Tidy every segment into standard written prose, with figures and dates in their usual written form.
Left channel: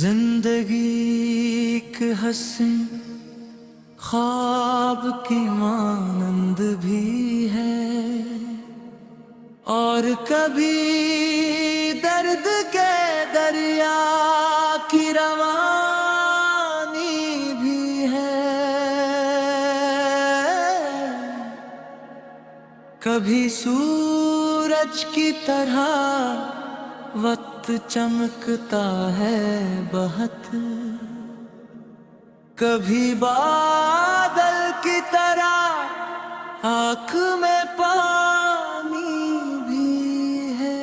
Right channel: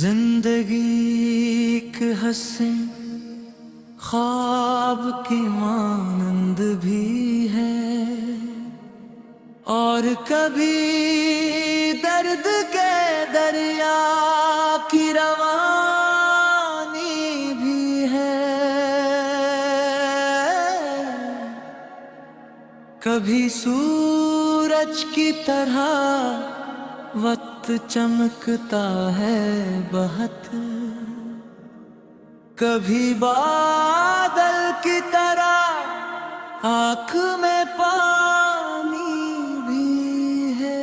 जिंदगी एक हंसी ख्वाब की मानंद भी है और कभी दर्द के दरिया की रवानी भी है। कभी सूरज की तरह वक्त चमकता है बहुत, कभी बादल की तरह आँख में पानी भी है।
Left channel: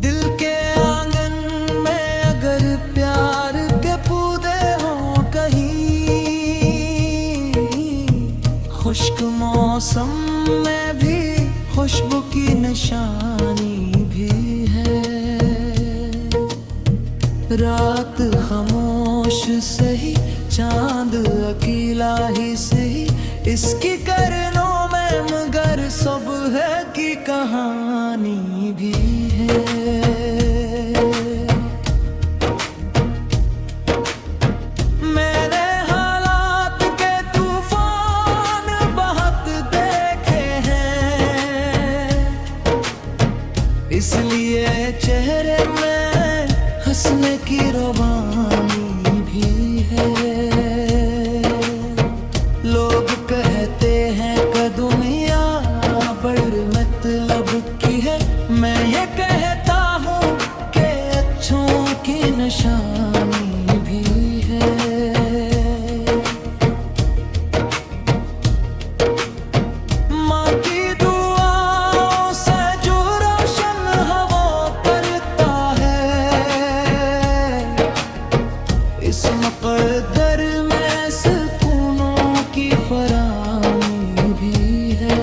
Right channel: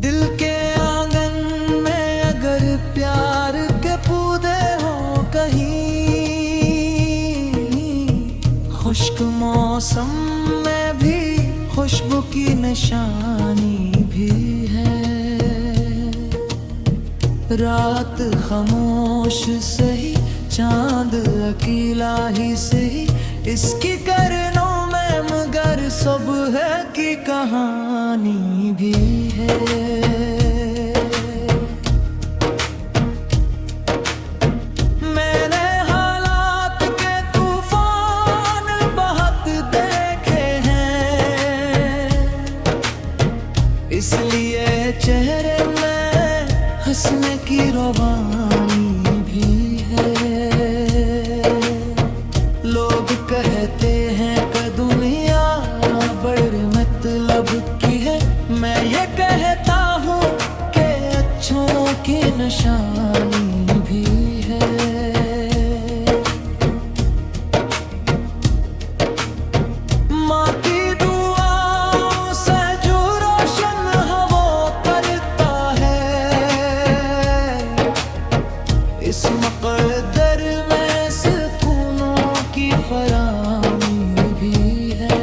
दिल के आंगन में अगर प्यार के पौधे हों कहीं, खुश्क मौसम में भी खुशबू की निशानी भी है। रात खामोश सही, चांद अकेला ही सही, इसकी करनों में मगर सुबह की कहानी भी है। इसलिए चेहरे में हंसने की रवानी भी है। लोग कहते हैं कि दुनिया बड़ी मतलब की है, मैं ये कहता हूँ कि अच्छों की निशानी भी है। इस मक़द्दर में सुकूनों की फरामी भी है।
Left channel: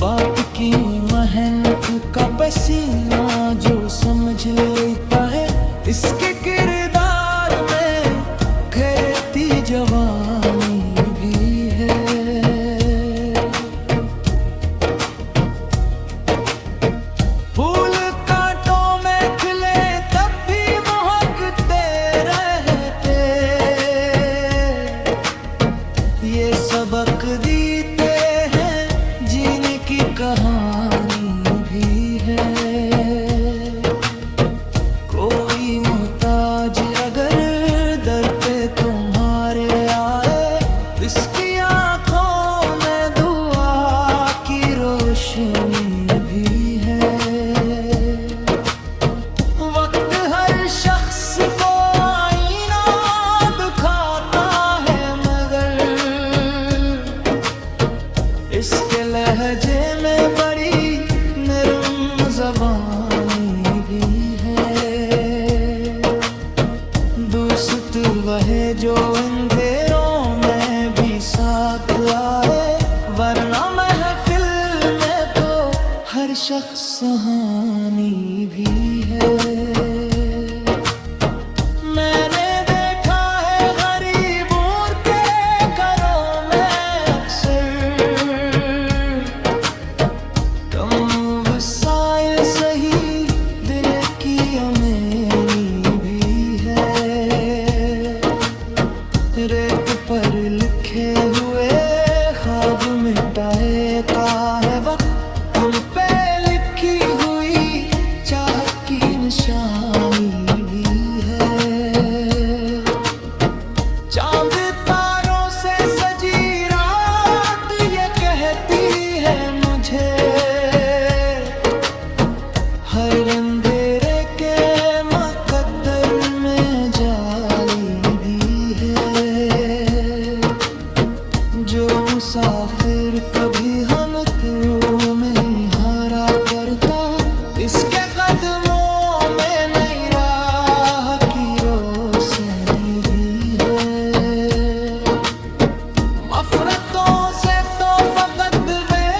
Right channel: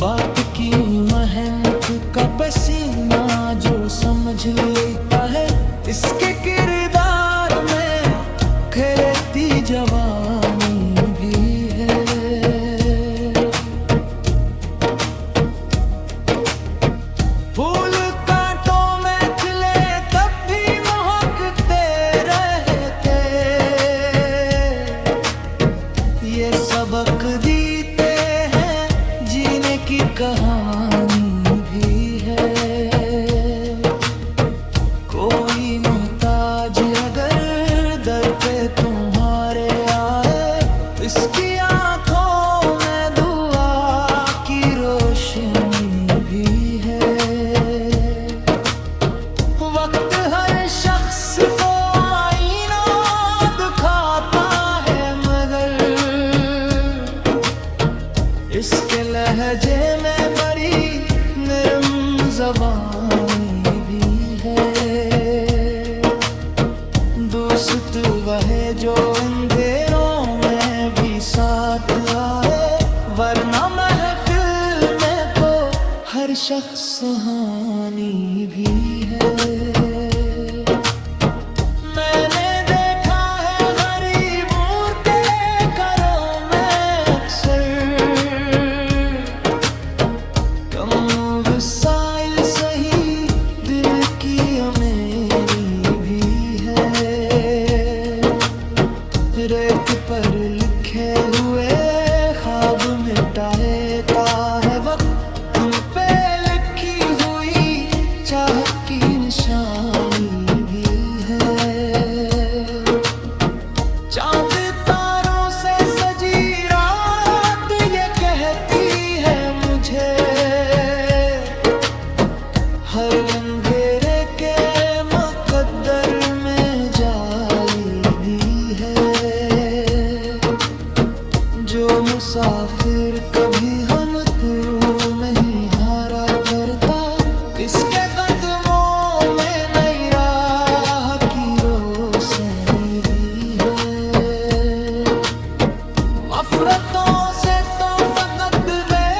बाप की मेहनत का पसीना जो समझ लेता है, इसके किरदार में खिलती जवानी भी है। फूल कांटों में खिले तब भी महकते रहते, ये सबक देते हैं जीने की कहानी भी है। कोई मोहताज अगर दर पे तुम्हारे आए, इसकी आंखों में दुआ की रोशनी भी है। वक्त हर शख्स को आईना दिखाता है, मगर इसके लहजे में बड़ी नरम ज़बानी भी है। दोस्त वह जो अंधेरों में भी साथ आए, वरना महफिल में तो हर शख्स सुहानी भी है। मैंने देखा है गरीबों के घरों में अक्सर, कम वसाइल सही दिल की अमीरी भी है। रेत पर लिखे हुए ख्वाब मिटाता है वक्त, दिल पे लिखी हुई चाहत की निशानी भी है। चांद तारों से सजी रात ये कहती है मुझे, हर अंधेरे के मुकद्दर में जाली भी है। जो मुसाफिर कभी हम तुम में ही हारा करता, इसके कदमों में नई राह की रोशनी भी है। मफरतों से तो फकत में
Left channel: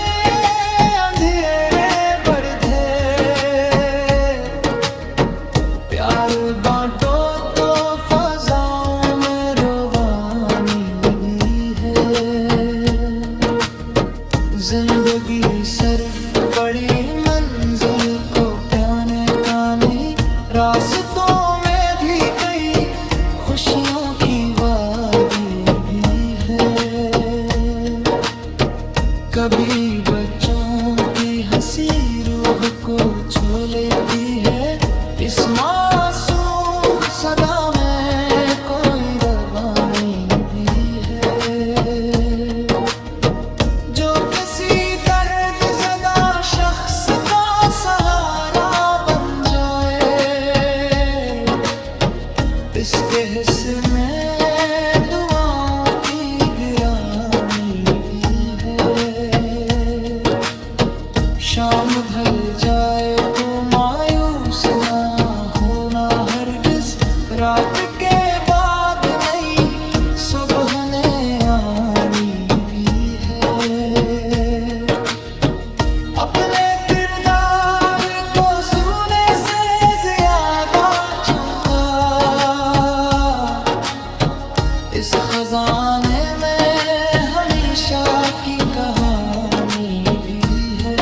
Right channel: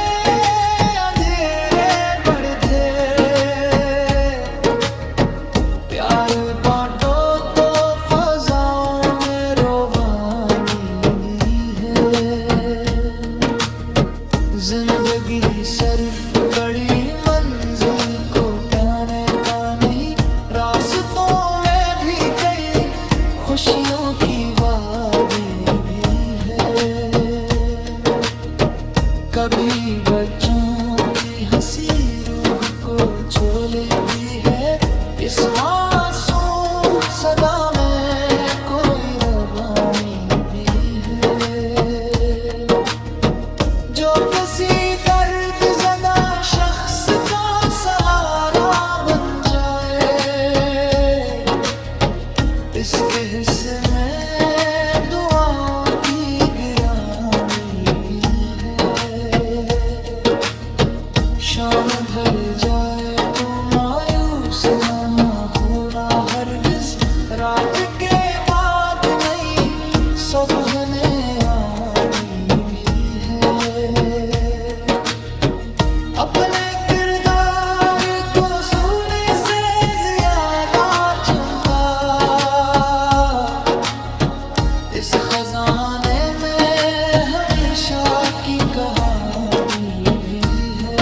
रास्तों में भी कई खुशियों की वादी भी है। कभी बच्चों की हंसी रूह को छू लेती है। इस मासूम सदा में कोई रवानी भी है जो किसी दर्द ज़दा शख्स का सहारा बन जाए। इसके हिस्से में दुआओं की गिरानी भी है। शाम ढल जाए तो मायूस ना होना हरगिज। रात के बाद नई सुबह ने आनी भी है। अपने किरदार को सोने से ज्यादा चमका इस खजाने में हमेशा की कहानी भी है।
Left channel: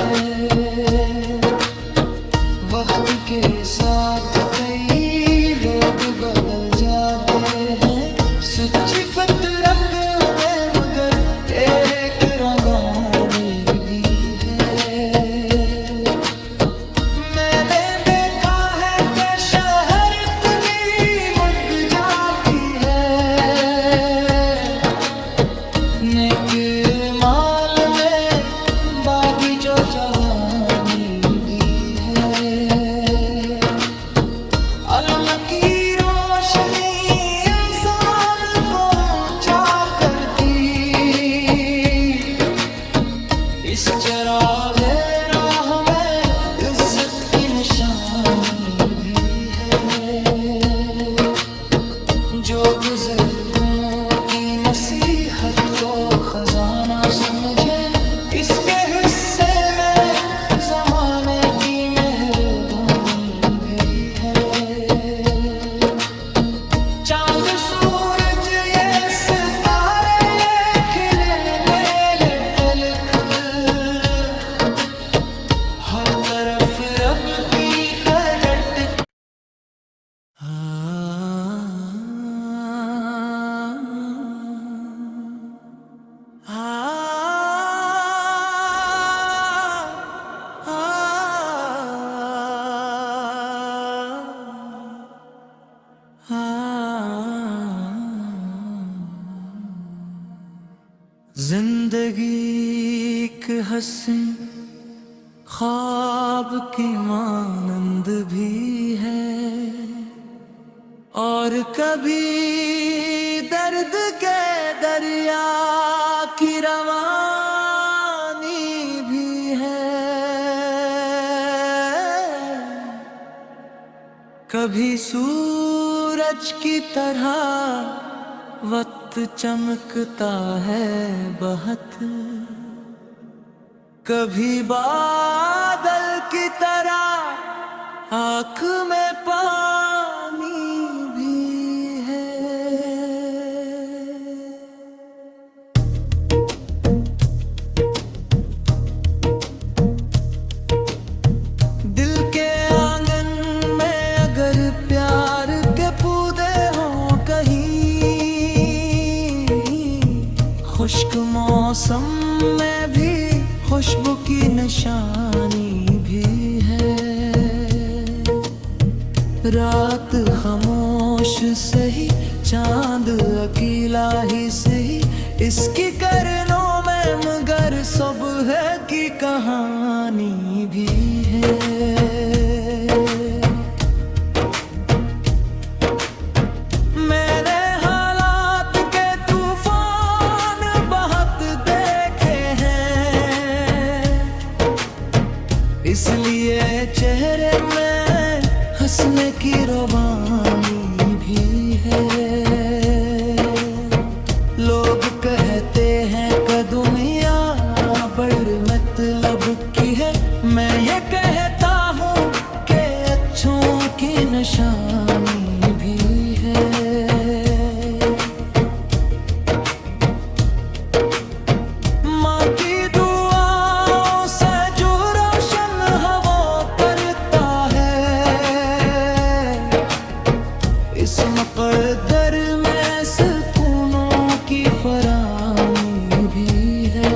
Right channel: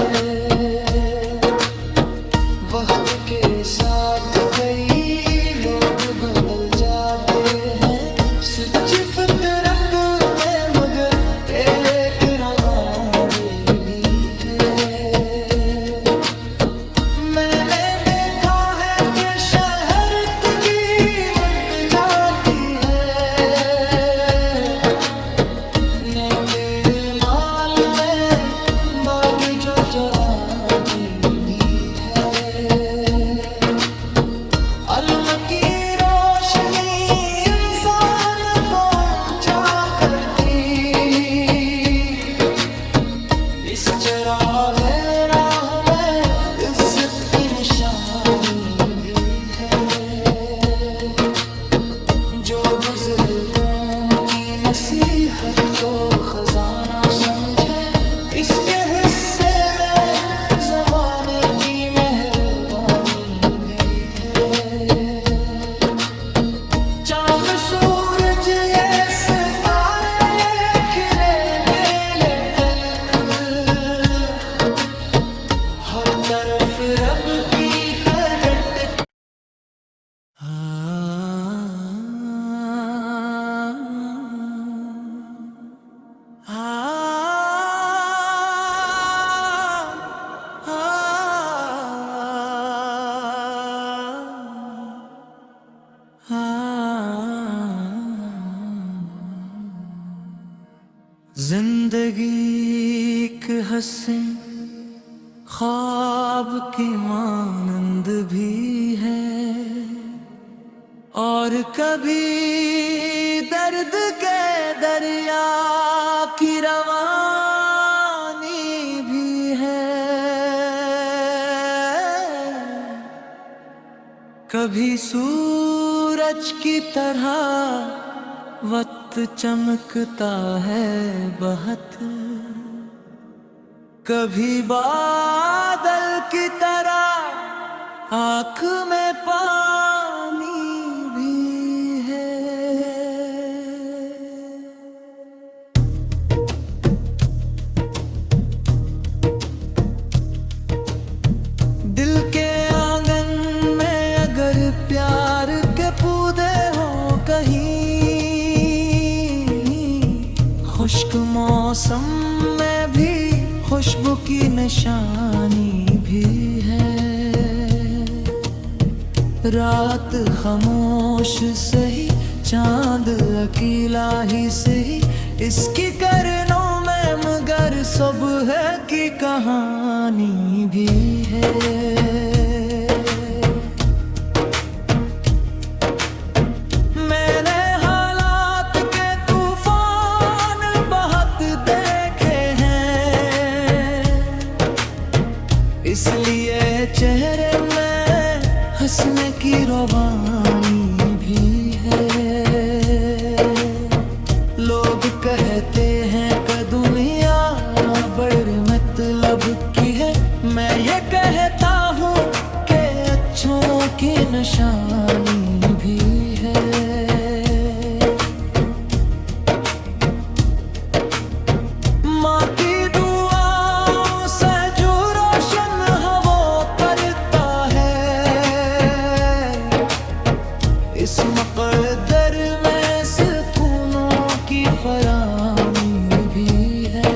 वक्त के साथ कई लोग बदल जाते हैं सच्ची फितरत में, मगर एक रवानी भी है। मैंने देखा है कि शहरत भी मुक जाती है। नेक माल में बागी जो जवानी भी है। अलम की रोशनी इंसान को ऊंचा करती। इस चिरागे राह में इज्जत की निशानी भी है। जो बुजुर्गों की नसीहत को खजाना समझे, इसके हिस्से में जमाने की मेहरबानी भी है। चांद सूरज ये सितारे ये खिले नीले फलक, हर तरफ रब की कड़ट। जिंदगी एक हंसी ख्वाब की मानंद भी है और कभी दर्द के दरिया की रवानी भी है। कभी सूरज की तरह वक्त चमकता है बहुत, कभी बादल की तरह आँख में पानी भी है। दिल के आंगन में अगर प्यार के पौधे हों कहीं, खुश्क मौसम में भी खुशबू की निशानी भी है। रात खामोश सही, चांद अकेला ही सही, इसकी करनों में मगर सुबह की कहानी भी है। मैंने हालात के तूफान बहुत देखे हैं, इसलिए चेहरे में हंसने की रवानी भी है। लोग कहते हैं कि दुनिया बड़ी मतलब की है, मैं ये कहता हूँ कि अच्छों की निशानी भी है। माँ की दुआओं से जो रोशन हवा करता है, इस मकद्दर में सुकूनों की फरामी भी है।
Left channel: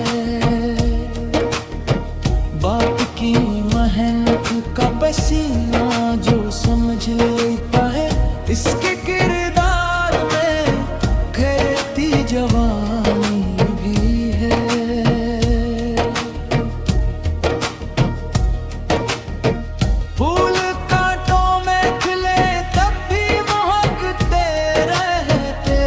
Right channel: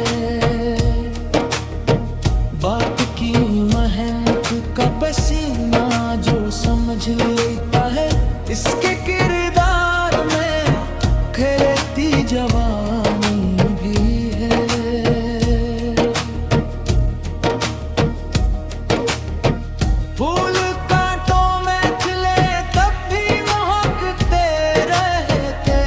बाप की मेहनत का पसीना जो समझ लेता है, इसके किरदार में खिलती जवानी भी है। फूल कांटों में खिले तब भी महकते रहते,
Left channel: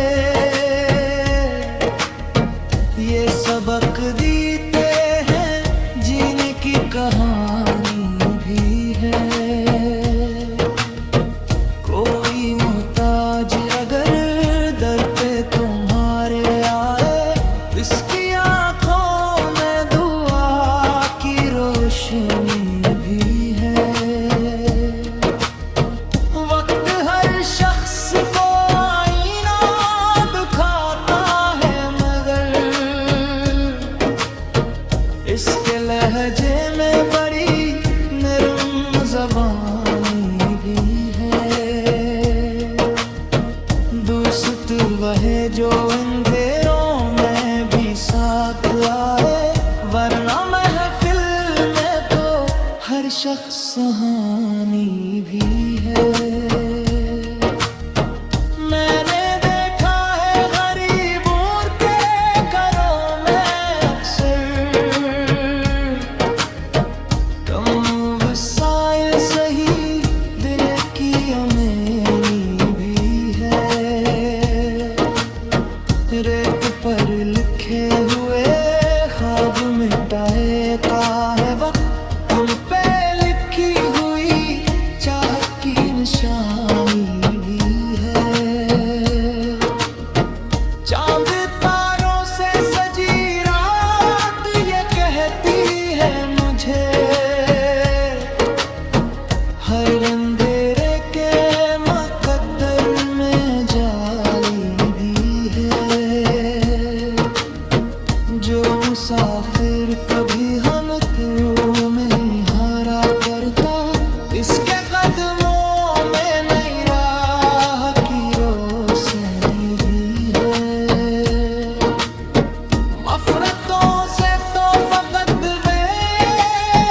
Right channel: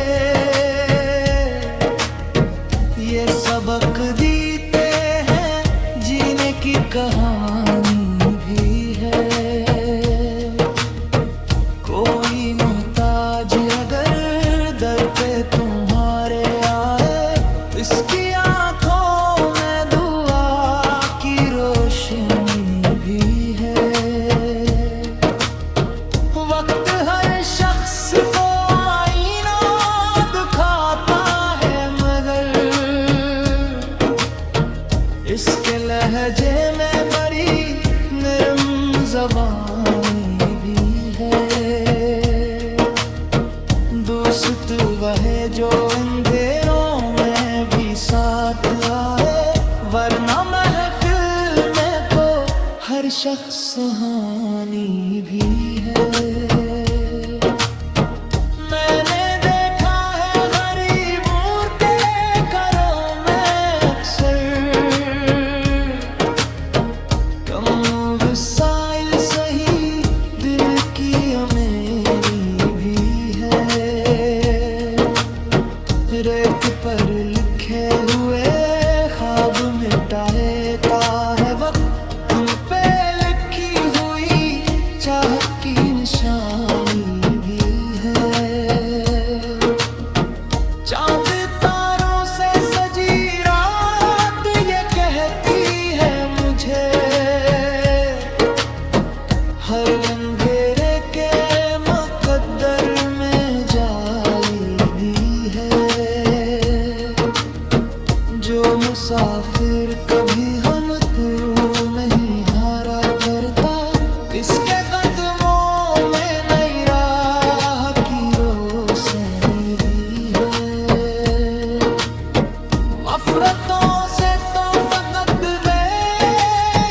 ये सबक देते हैं जीने की कहानी भी है। कोई मोहताज अगर दर पे तुम्हारे आए, इसकी आंखों में दुआ की रोशनी भी है। वक्त हर शख्स को आईना दिखाता है, मगर इसके लहजे में बड़ी नरम ज़बानी भी है। दोस्त वह जो अंधेरों में भी साथ आए, वरना महफिल में तो हर शख्स सुहानी भी है। मैंने देखा है गरीबों के घरों में अक्सर, कम वसाइल सही दिल की अमीरी भी है। रेत पर लिखे हुए ख्वाब मिटाता है वक्त, दिल पे लिखी हुई चाहत की निशानी भी है। चांद तारों से सजी रात ये कहती है मुझे, हर अंधेरे के मुकद्दर में जाली भी है। जो मुसाफिर कभी हम तुम में ही हारा करता, इसके कदमों में नई राह की रोशनी भी है। नफरतों से तो फकत में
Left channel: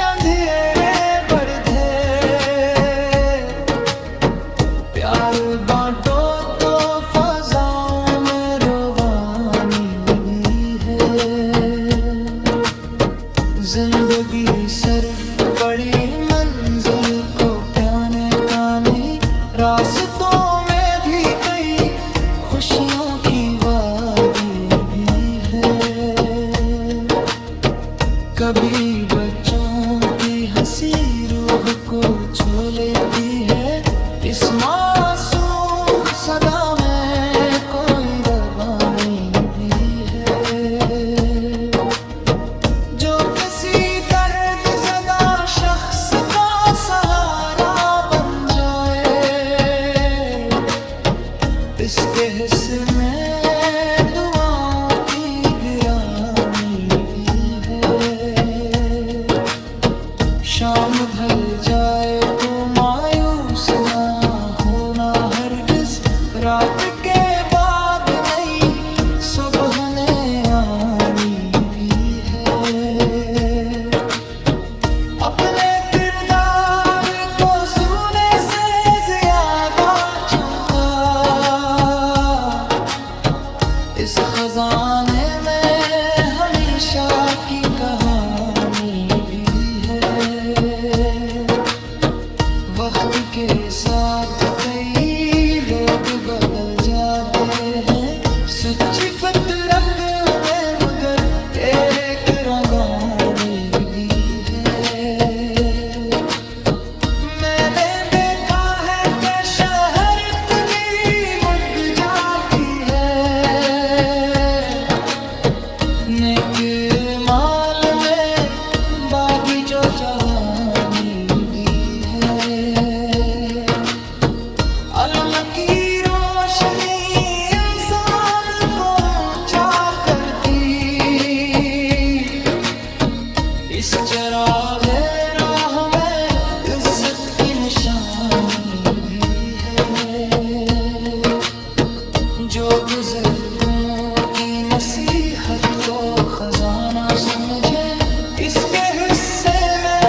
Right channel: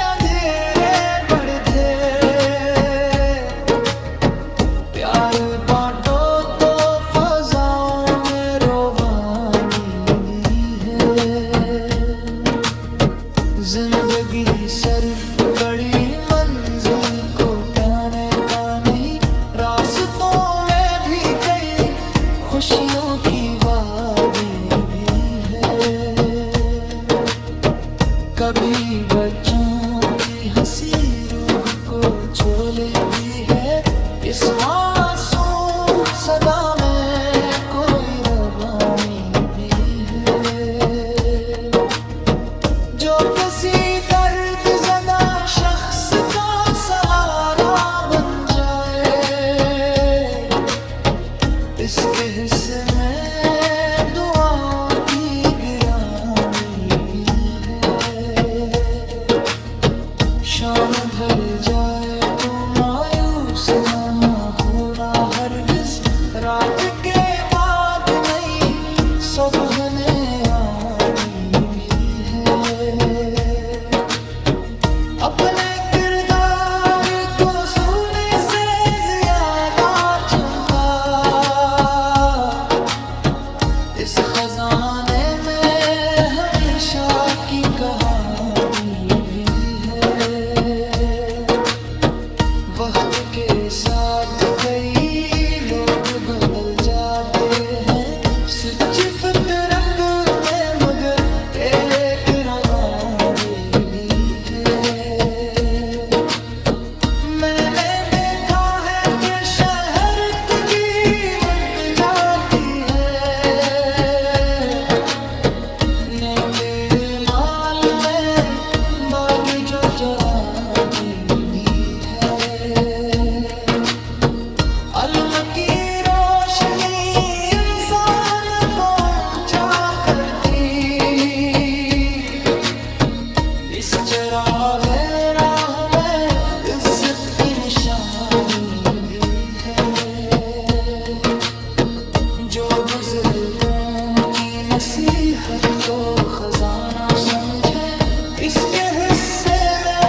अंधेरे बढ़े, प्यार बांटो तो फजाओं में रोवानी भी है। जिंदगी सिर्फ बड़ी मंजिल को पाने का नहीं, रास्तों में भी कई खुशियों की वादी भी है। कभी बच्चों की हंसी रूह को छू लेती है, इस मासूम सदा में कोई रवानी भी है। जो किसी दर्द ज़दा शख्स का सहारा बन जाए, इसके हिस्से में दुआओं की गिरानी भी है। शाम ढल जाए तो मायूस ना होना हरगिज, रात के बाद नई सुबह ने आनी भी है। अपने किरदार को सूने से ज्यादा चमका, इस खजाने में हमेशा की कहानी भी है। वक्त के साथ कई लोग बदल जाते हैं, सच्ची फितरत में मगर एक रवानी भी है। मैंने देखा है कि शहरत भी मुक जाती है, नेक माल में बागी जो जवानी भी है। अलम की रोशनी इंसान को ऊंचा करती, इस चिरागे राह में इज्जत की निशानी भी है। जो बुजुर्गों की नसीहत को खजाना समझे, इसके हिस्से में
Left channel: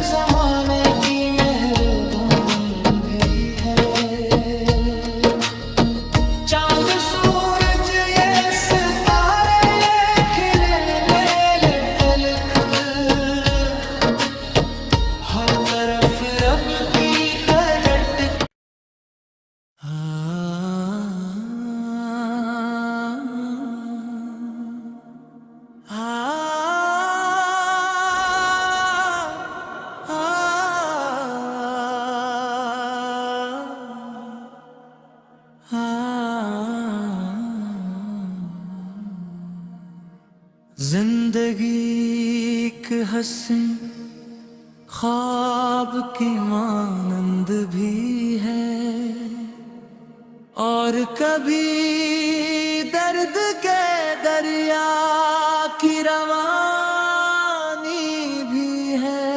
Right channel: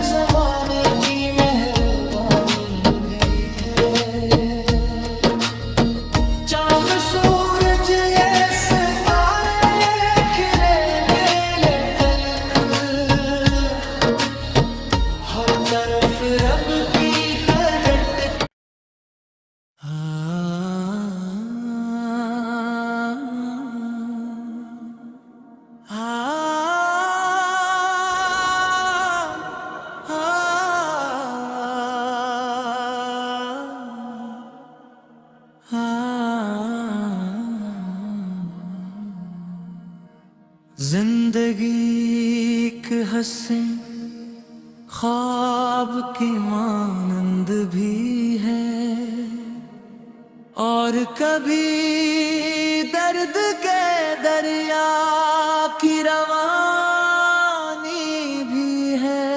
जमाने की मेहरबानी भी है। चांद सूरज ये सितारे ये खिले नीले फलक, हर तरफ रब की प्रगट। जिंदगी एक हंसी ख्वाब की मानंद भी है, और कभी दर्द के दरिया की रवानी भी है।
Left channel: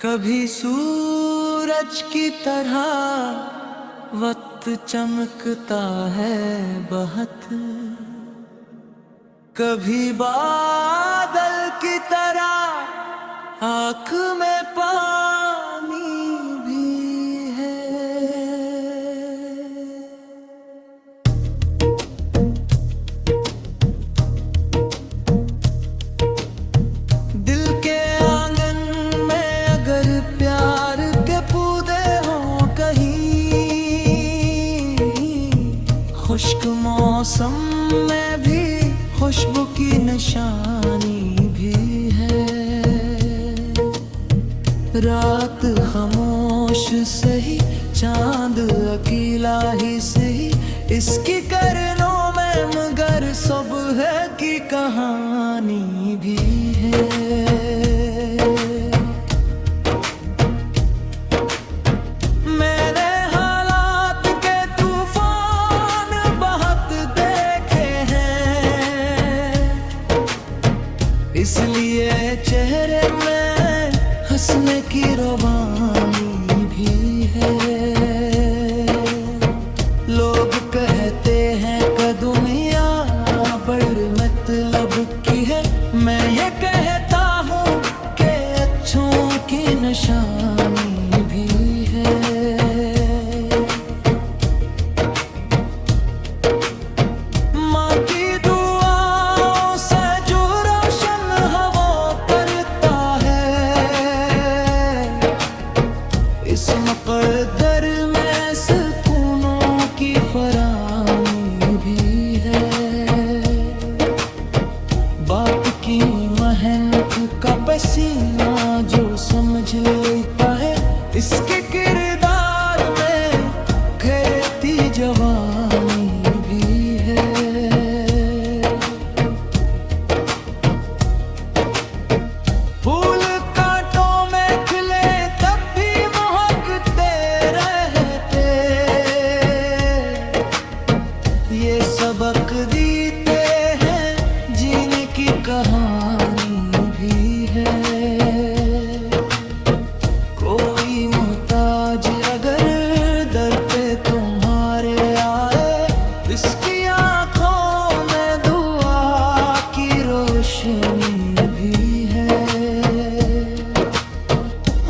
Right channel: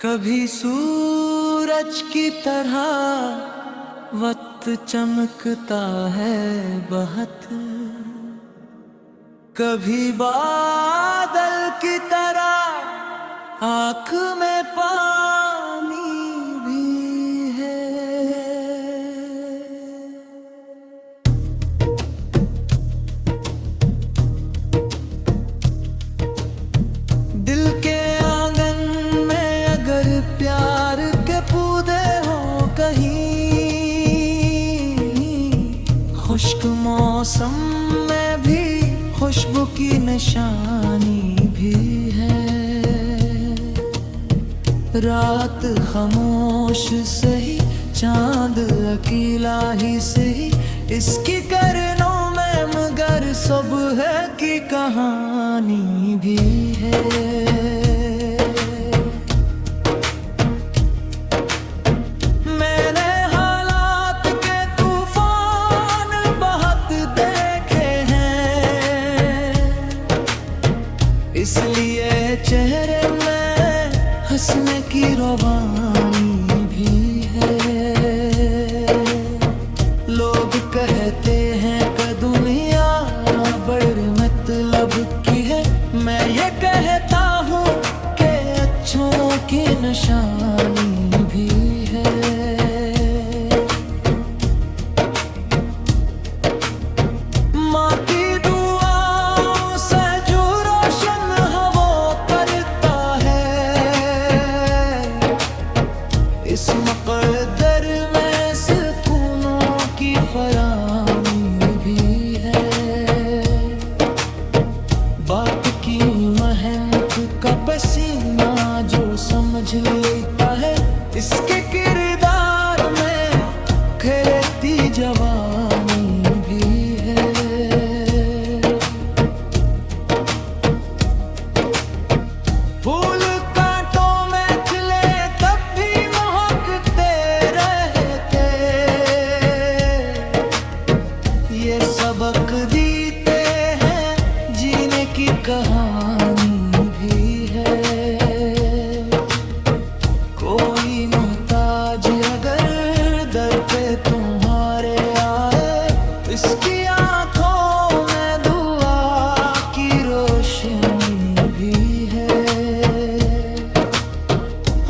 कभी सूरज की तरह वक्त चमकता है बहुत, कभी बादल की तरह आँख में पानी भी है। दिल के आंगन में अगर प्यार के पौधे हों कहीं, खुश्क मौसम में भी खुशबू की निशानी भी है। रात खामोश सही, चांद अकेला ही सही, इसकी करनों में मगर सुबह की कहानी भी है। मैंने हालात के तूफान बहुत देखे हैं, इसलिए चेहरे में हंसने की रवानी भी है। लोग कहते हैं कि दुनिया बड़ी मतलब की है, मैं ये कहता हूँ कि अच्छों की निशानी भी है। माँ की दुआओं से जो रोशन हवा करता है, इस मुक़द्दर में सुकूनों की फरामी भी है। बाप की मेहनत का पसीना जो समझ लेता है, इसके किरदार में खिलती जवानी भी है। फूल कांटों में खिले तब भी महकते रहते, ये सबक देते हैं जीने की कहानी भी है। कोई मोहताज अगर दर पे तुम्हारे आए, इसकी आंखों में दुआ की रोशनी भी है।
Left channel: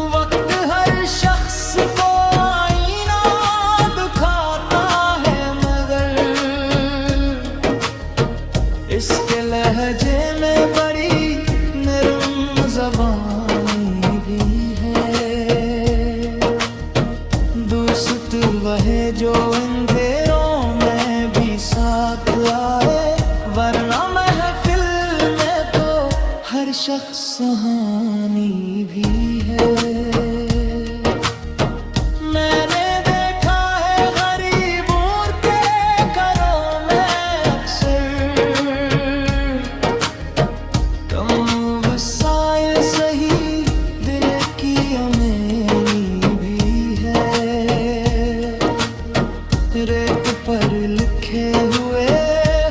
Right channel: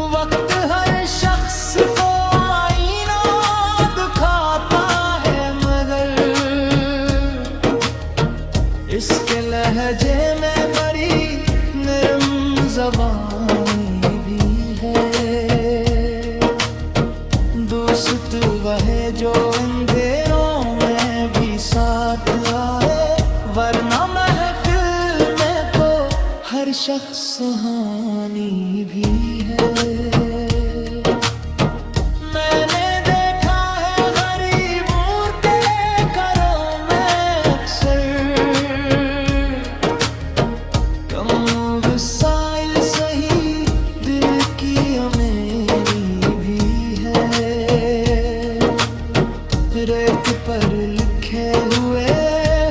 वक्त हर शख्स को आईना दिखाता है, मगर इसके लहजे में बड़ी नरम ज़बानी भी है। दोस्त वह जो अंधेरों में भी साथ आए, वरना महफिल में तो हर शख्स सुहानी भी है। मैंने देखा है गरीबों के घरों में अक्सर, कम वसाइल सही दिल की अमीरी भी है। रेत पर लिखे हुए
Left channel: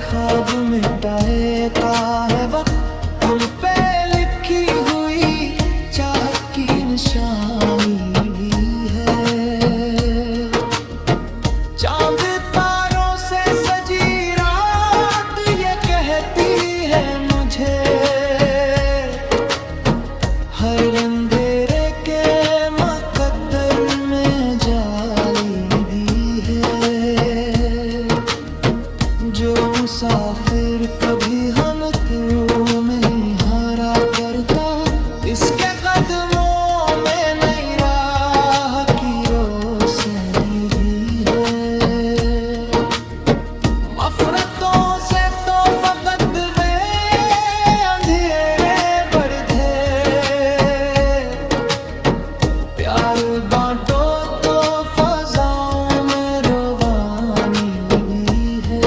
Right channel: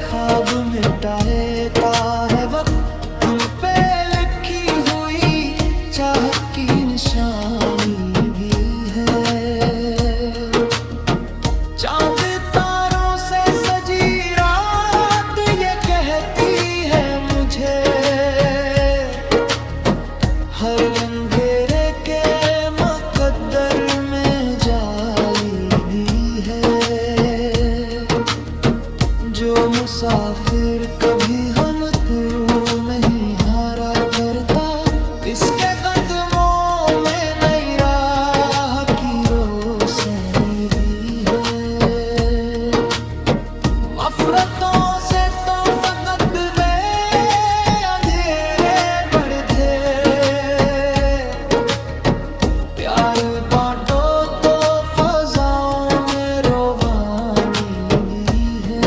ख्वाब मिटाता है वक्त, दिल पे लिखी हुई चाहत की निशानी भी है। मुझे। हर अंधेरे के मुकद्दर में जाली भी है। जो मुसाफिर कभी हम तुरु में ही हारा करता, इसके कदमों में नई राह की रोशनी भी है। नफरतों से तो फकत में अंधेरे बढ़े, प्यार बांटो तो फजाओं में रोवानी भी है।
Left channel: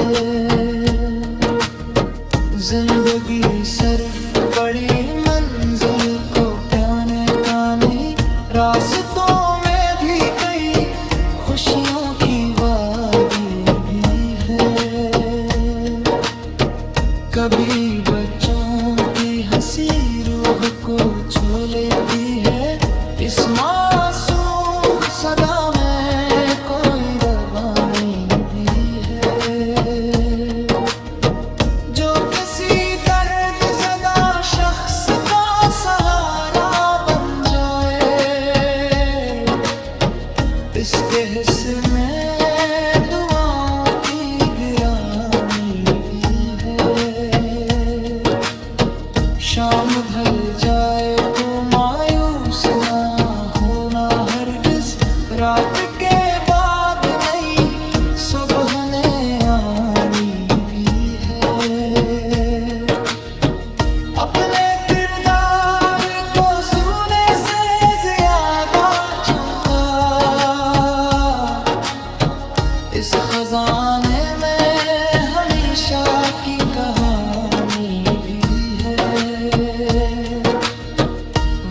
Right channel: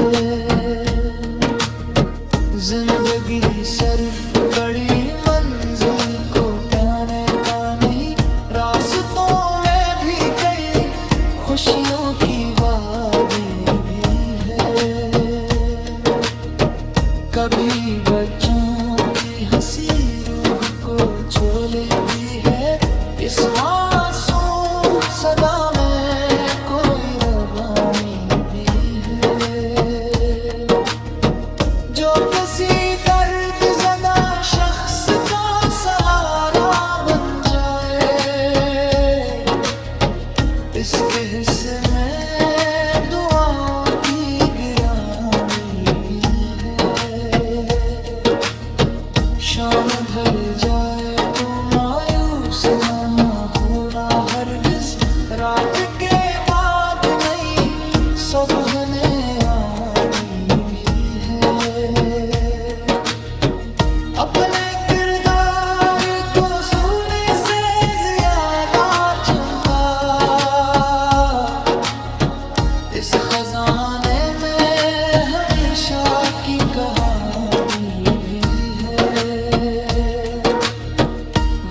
जिंदगी सिर्फ बड़ी मंजिल को पाने का नहीं, रास्तों में भी कई खुशियों की वादी भी है। कभी बच्चों की हंसी रूह को छू लेती है, इस मासूम सदा में कोई रवानी भी है। जो किसी दर्द ज़दा शख्स का सहारा बन जाए, इसके हिस्से में दुआओं की गिरानी भी है। शाम ढल जाए तो मायूस ना होना हरगिज, रात के बाद नई सुबह ने आनी भी है। अपने किरदार को सोने से ज्यादा चमका, इस खजाने में हमेशा की कहानी भी है।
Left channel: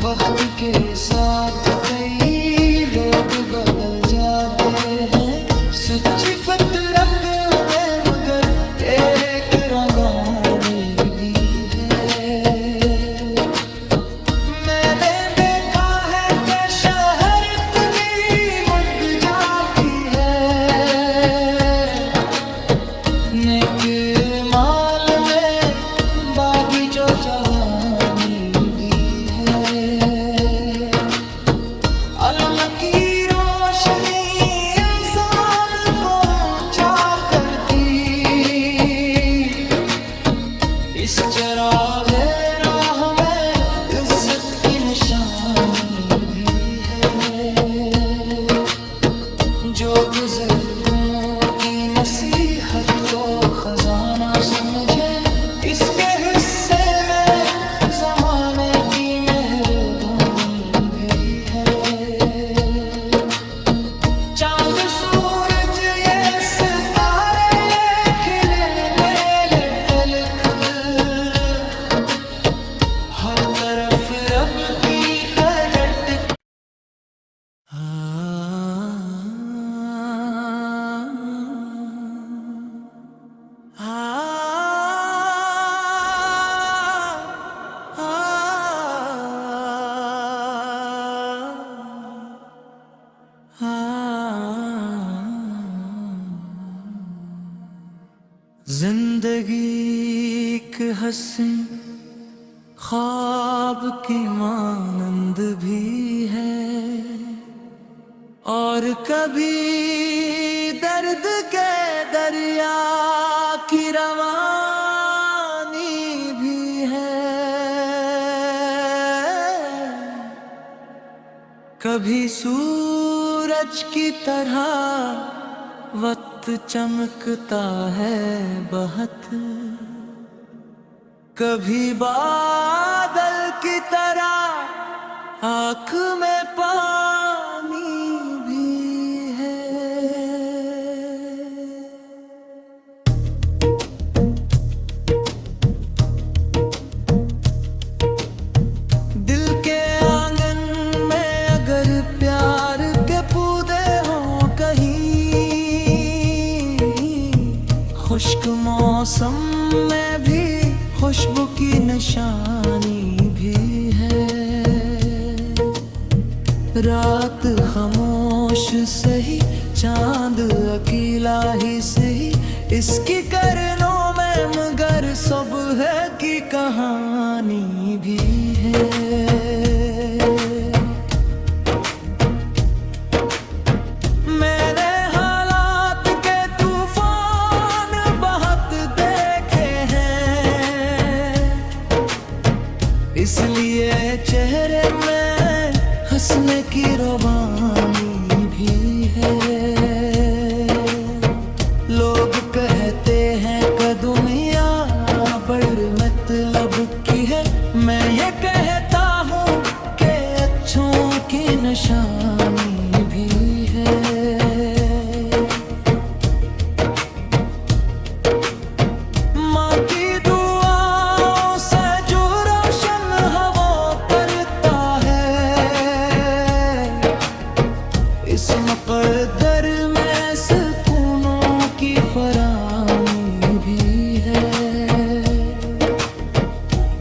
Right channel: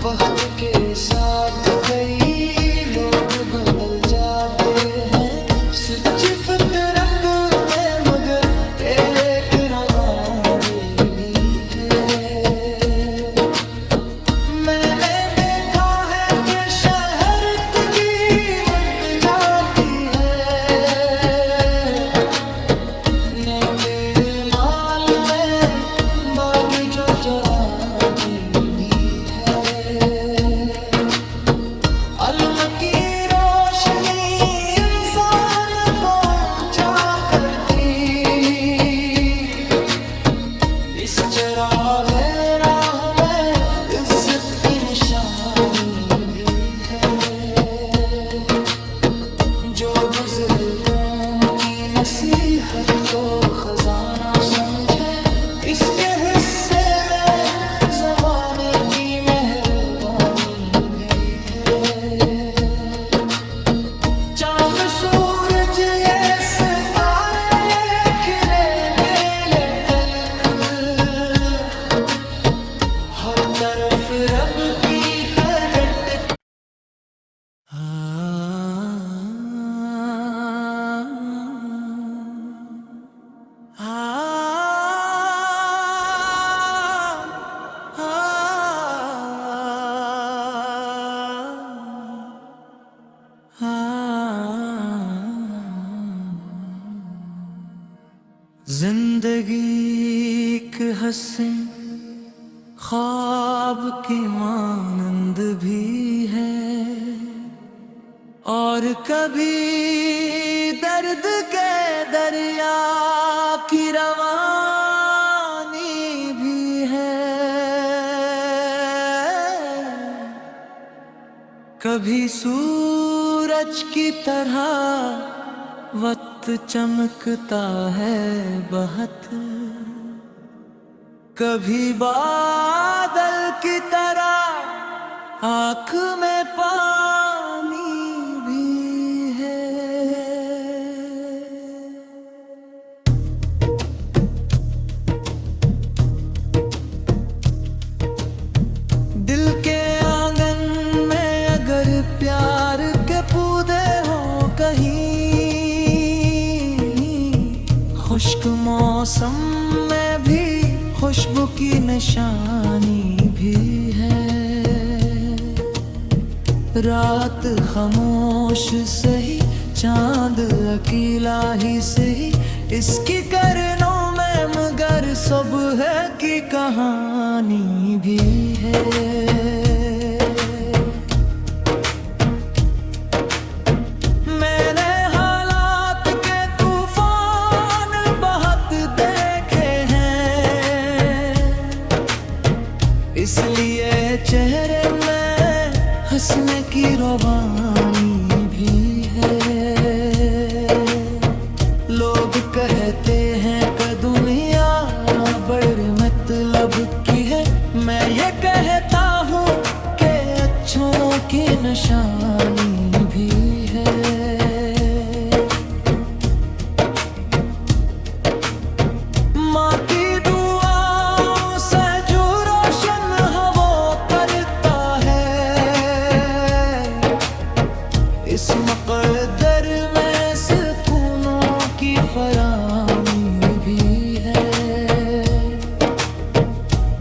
वक्त के साथ कई लोग बदल जाते हैं, सच्ची फितरत में मगर एक रवानी भी है। मैंने देखा है कि शहरत भी मुक जाती है, नेक माल में बागी जो जवानी भी है। अलम की रोशनी इंसान को ऊंचा करती, इस चिरागे राह में इज्जत की निशानी भी है। जो बुजुर्गों की नसीहत को खजाना समझे, इसके हिस्से में जमाने की मेहरबानी भी है। चांद सूरज ये सितारे ये खिले नेले फलक, हर तरफ रब की कड़ट। जिंदगी एक हंसी ख्वाब की मानंद भी है, और कभी दर्द के दरिया की रवानी भी है। कभी सूरज की तरह वक्त चमकता है बहुत, कभी बादल की तरह आँख में पानी भी है। दिल के आंगन में अगर प्यार के पौधे हों कहीं, खुश्क मौसम में भी खुशबू की निशानी भी है। रात खामोश सही, चांद अकेला ही सही, इसकी करनों में मगर सब है की कहानी भी है। मैंने हालात के तूफान बहुत देखे हैं, इसलिए चेहरे में हंसने की रवानी भी है। लोग कहते हैं कि दुनिया बड़ी मतलब की है, मैं ये कहता हूँ कि अच्छों की निशानी भी है। माँ की दुआओं से जो रोशन हवा करता है, इस मकद्दर में सुकूनों की फरामी भी है।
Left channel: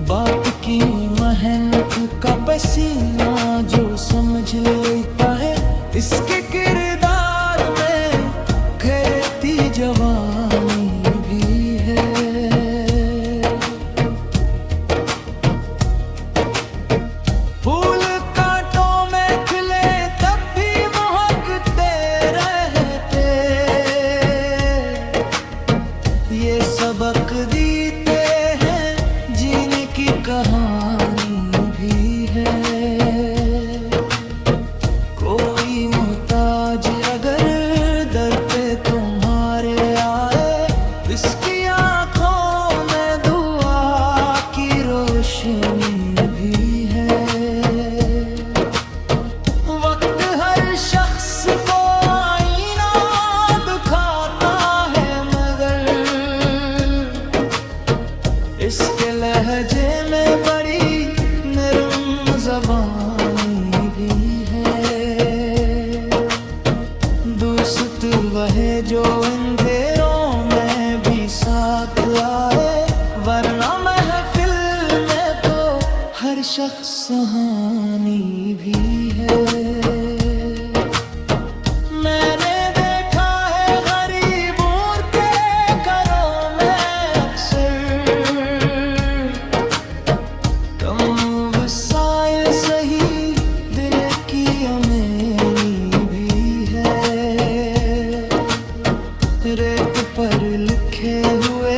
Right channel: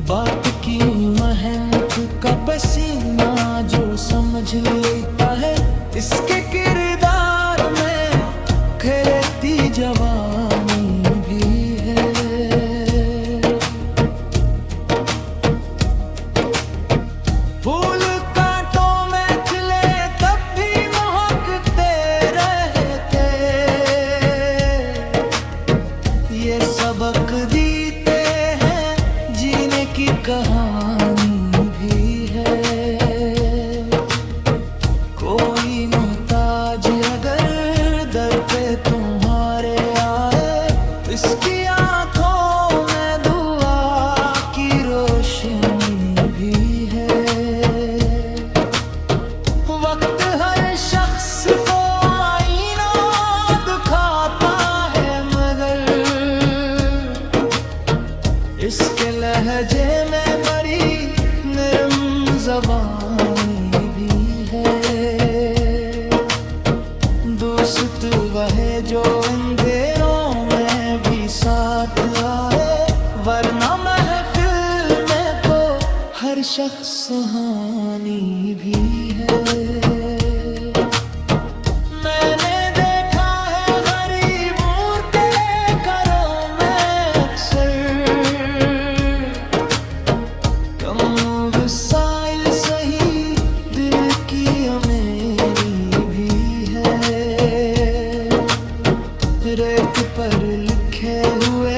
बाप की मेहनत का पसीना जो समझ लेता है, इसके किरदार में खिलती जवानी भी है। फूल कांटों में खिले तब भी महकते रहते, ये सबक देते हैं जीने की कहानी भी है। कोई मोहताज अगर दर पे तुम्हारे आए, इसकी आंखों में दुआ की रोशनी भी है। वक्त हर शख्स को आईना दिखाता है, मगर इसके लहजे में बड़ी नरम ज़बानी भी है। दोस्त वह जो अंधेरों में भी साथ आए, वरना महफिल में तो हर शख्स सुहानी भी है। मैंने देखा है गरीबों के घरों में अक्सर, कम वसाइल सही दिल की अमीरी भी है। रेत पर लिखे हुए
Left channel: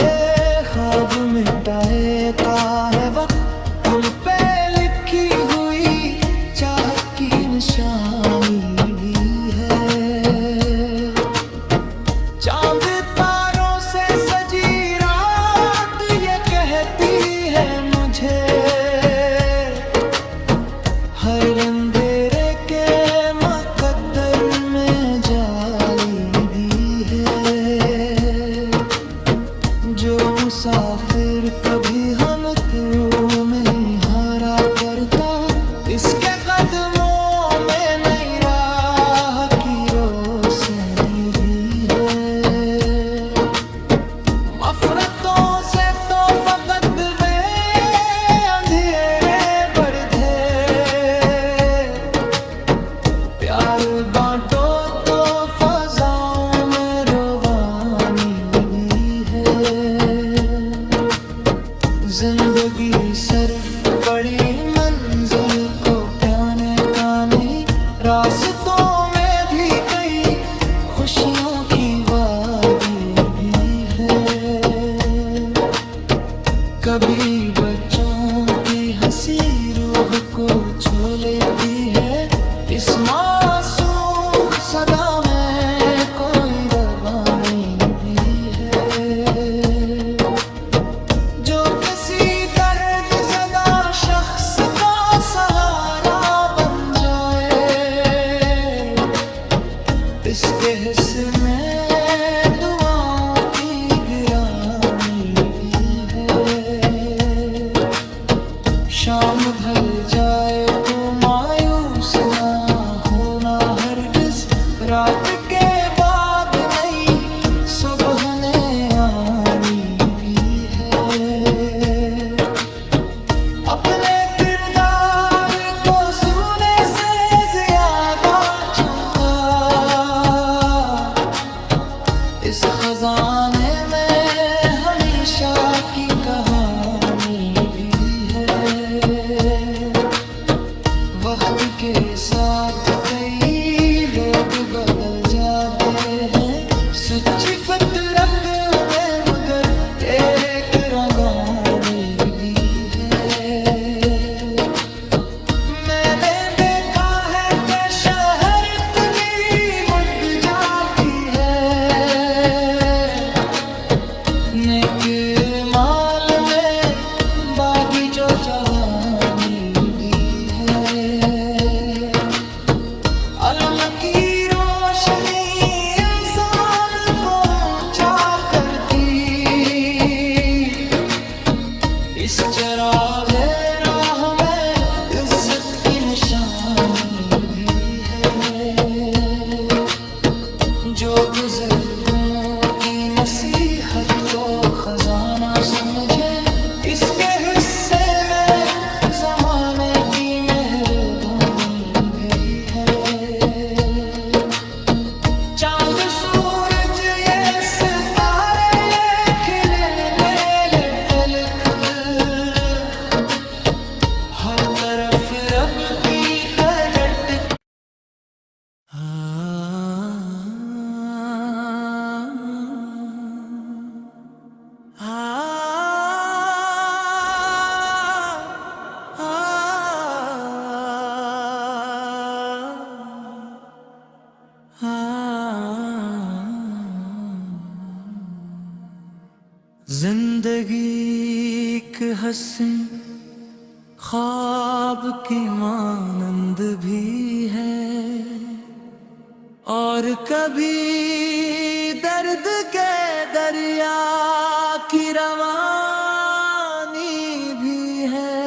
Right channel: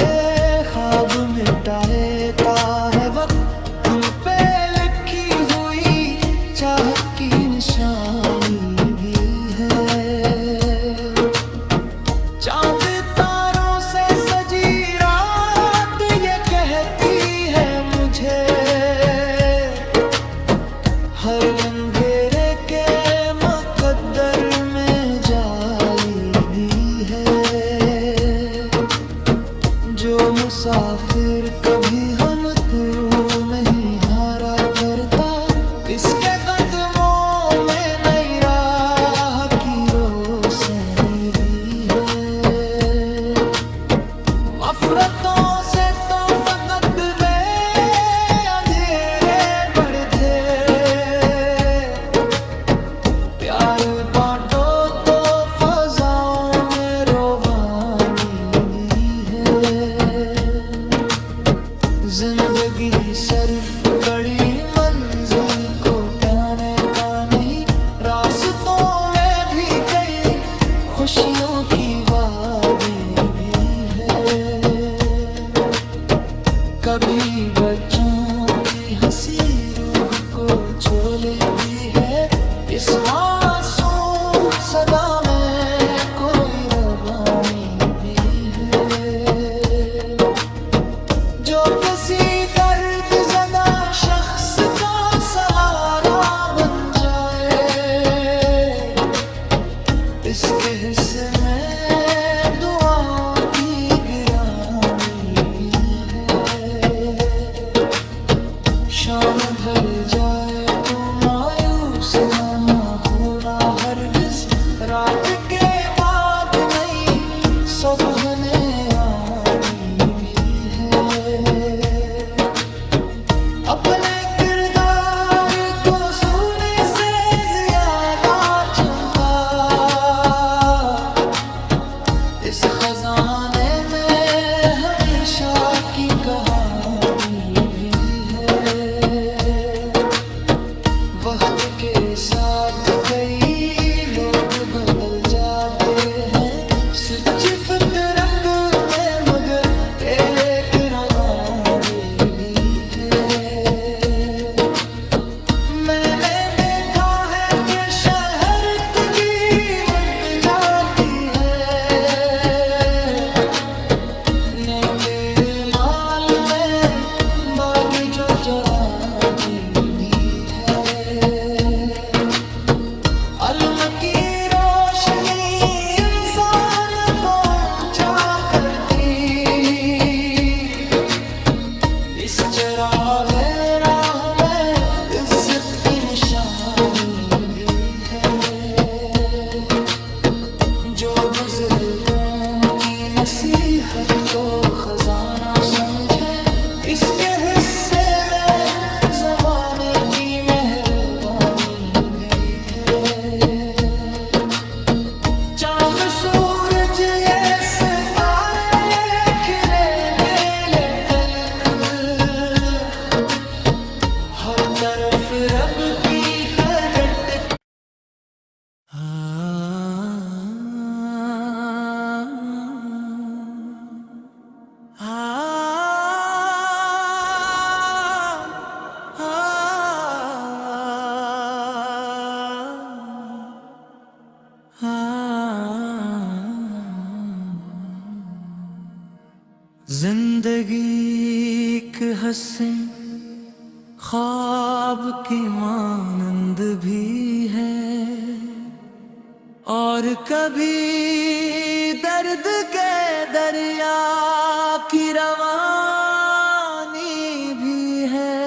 ख्वाब मिटाता है वक्त, उन पे लिखी हुई चाहत की निशानी भी है। चांद तारों से सजी रात ये कहती है मुझे, हर अंधेरे के मुकद्दर में जाली भी है। जो मुसाफिर कभी हम तुम में ही हारा करता, इसके कदमों में नई राह की रोशनी भी है। नफरतों से तो फकत में अंधेरे बढ़े, प्यार बांटो तो फजाओं में रोवानी भी है। जिंदगी सिर्फ बड़ी मंजिल को पाने का नहीं, रास्तों में भी कई खुशियों की वादी भी है। कभी बच्चों की हंसी रूह को छू लेती है, इस मासूम सदा में कोई रवानी भी है। जो किसी दर्द ज़दा शख्स का सहारा बन जाए, इसके हिस्से में दुआओं की गिरानी भी है। शाम ढल जाए तो मायूस ना होना हरगिज, रात के बाद नई सुबह ने आनी भी है। अपने किरदार को सोने से ज्यादा चमका, इस खजाने में हमेशा कहानी भी है। वक्त के साथ कई लोग बदल जाते हैं, सच्ची फितरत में मगर एक रवानी भी है। मैंने देखा है कि शहरत भी मुक जाती है, नेक माल में बागी जो जवानी भी है। अलम की रोशनी इंसान को ऊंचा करती, इस चिरागे राह में इज्जत की निशानी भी है। जो बुजुर्गों की नसीहत को खजाना समझे, इसके हिस्से में जमाने की मेहरबानी भी है। चांद सूरज ये सितारे ये खिले नीले फलक, हर तरफ रब की कदट। जिंदगी एक हंसी ख्वाब की मानंद भी है, और कभी दर्द के दरिया की रवानी भी है।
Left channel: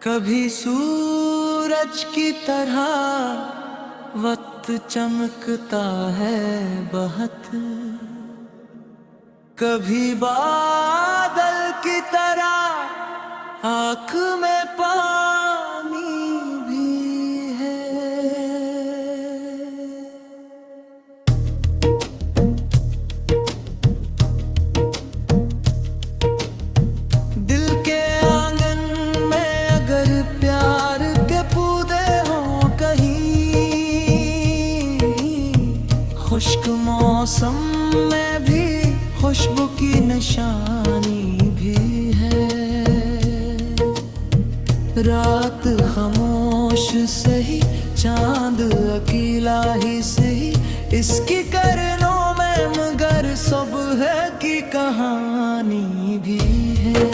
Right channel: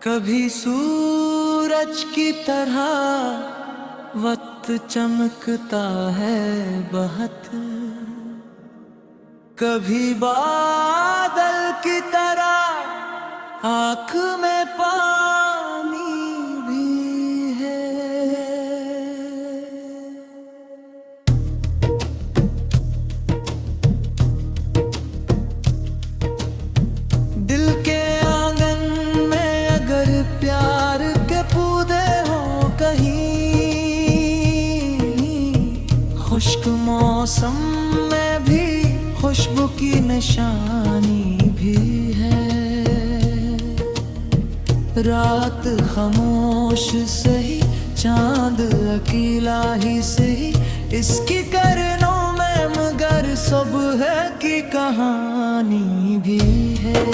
कभी सूरज की तरह वक्त चमकता है बहुत, कभी बादल की तरह आँख में पानी भी है। दिल के आंगन में अगर प्यार के पौधे हों कहीं, खुश्क मौसम में भी खुशबू की निशानी भी है। रात खामोश सही, चांद अकेला ही सही, इसकी करनों में मगर सुबह की कहानी भी है।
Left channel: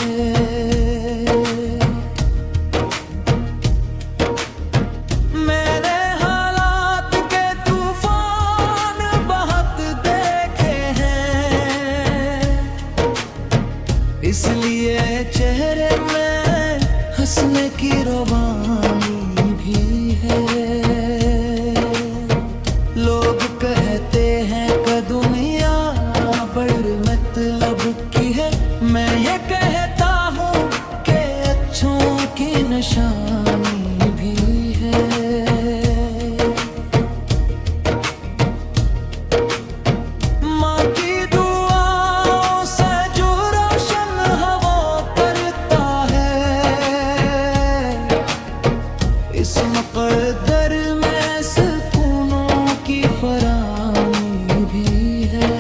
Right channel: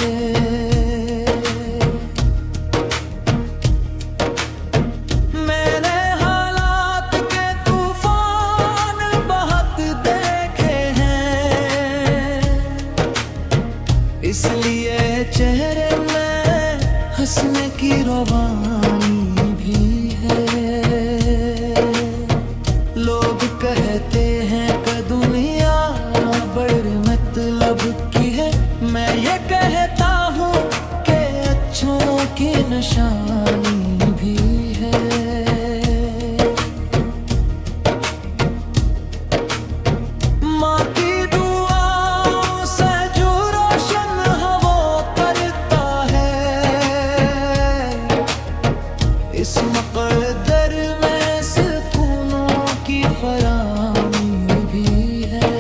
मैंने हालात के तूफान बहुत देखे हैं, इसलिए चेहरे में हंसने की रवानी भी है। लोग कहते हैं कि दुनिया बड़ी मतलब की है, मैं ये कहता हूँ कि अच्छों की निशानी भी है। माँ की दुआओं से जो रोशन हवा करता है, इस मकद्दर में सुकूनों की फरामी भी है।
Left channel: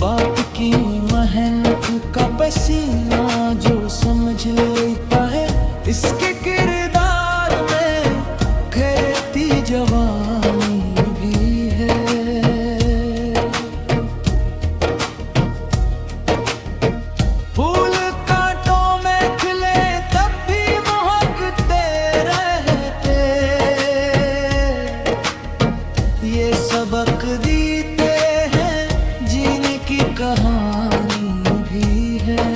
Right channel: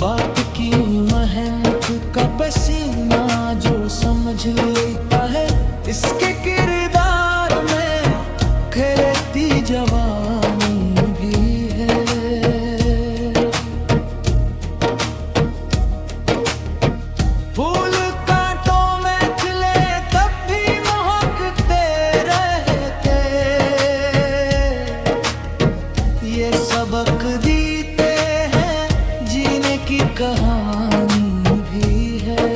बाप की मेहनत का पसीना जो समझ लेता है, इसके किरदार में खिलती जवानी भी है। फूल कांटों में खिले तब भी महकते रहते, ये सबक देते हैं जीने की कहानी भी है।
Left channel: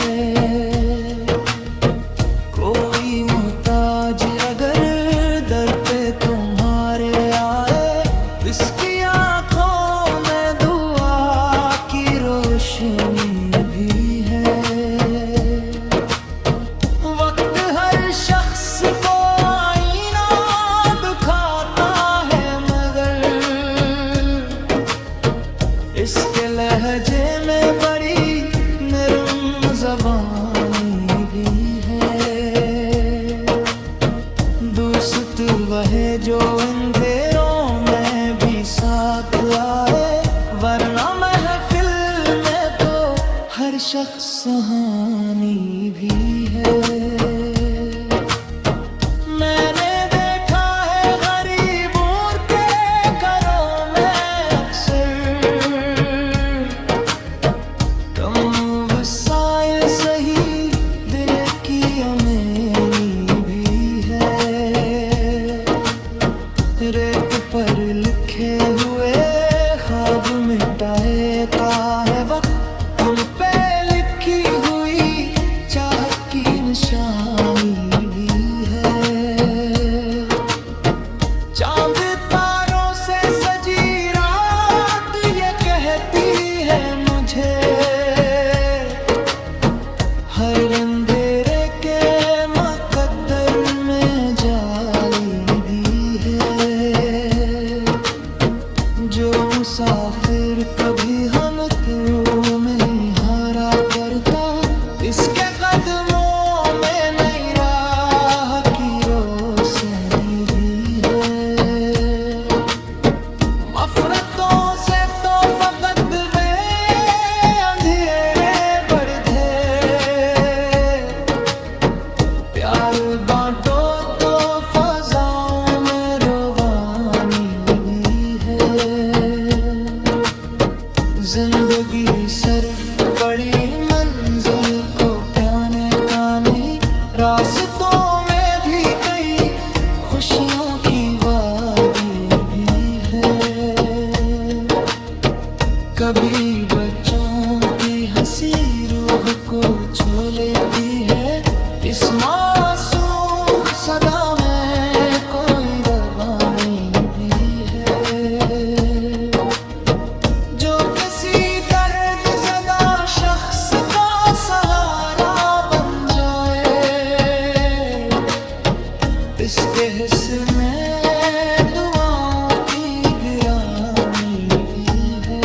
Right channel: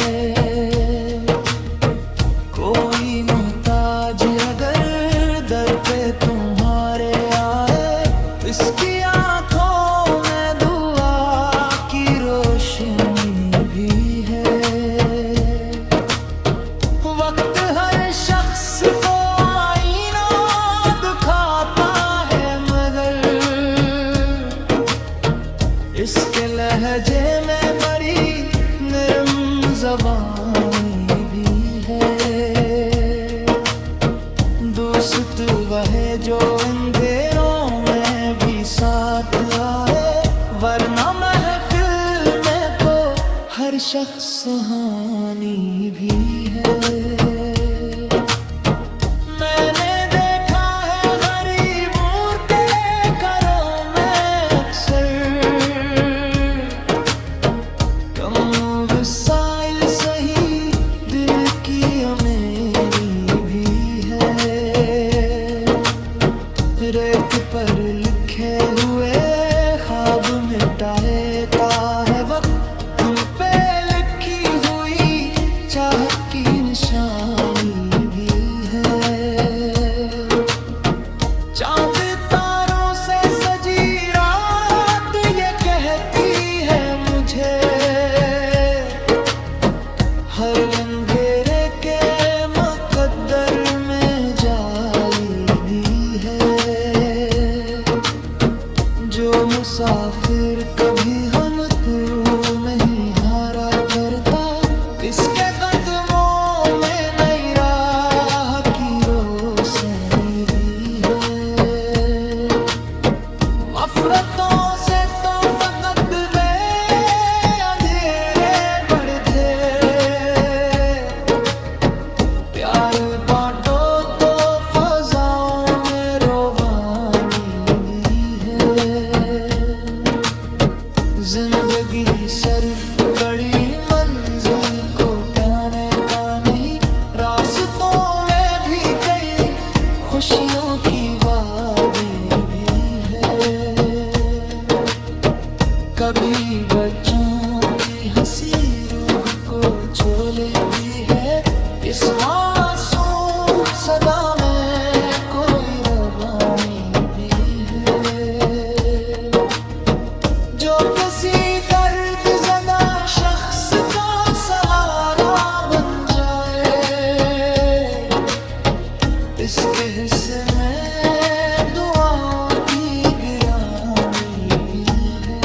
कोई मोहताज अगर दर पे तुम्हारे आए, दोस्त वह जो अंधेरों में भी साथ आए, वरना महफिल में तो हर शख्स सुहानी भी है। मैंने देखा है गरीबों के घरों में अक्सर कम वसाइल सही दिल की अमीरी भी है। रेत पर लिखे हुए ख्वाब मिटाता है वक्त, दिल पे लिखी हुई चाहत की निशानी भी है। चांद तारों से सजी रात ये कहती है मुझे, हर अंधेरे के मुकद्दर में जाली भी है। जो मुसाफिर कभी हम तुम में ही हारा करता, इसके कदमों में नई राह की रोशनी भी है। नफरतों से तो फकत में अंधेरे बढ़े, प्यार बांटो तो फजाओं में रोवानी भी है। जिंदगी सिर्फ बड़ी मंजिल को पाने का नहीं, रास्तों में भी कई खुशियों की वादी भी है। कभी बच्चों की हंसी रूह को छू लेती है, इस मासूम सदा में कोई रवानी भी है। जो किसी दर्द ज़दा शख्स का सहारा बन जाए, इसके हिस्से में दुआओं की गिरानी भी है।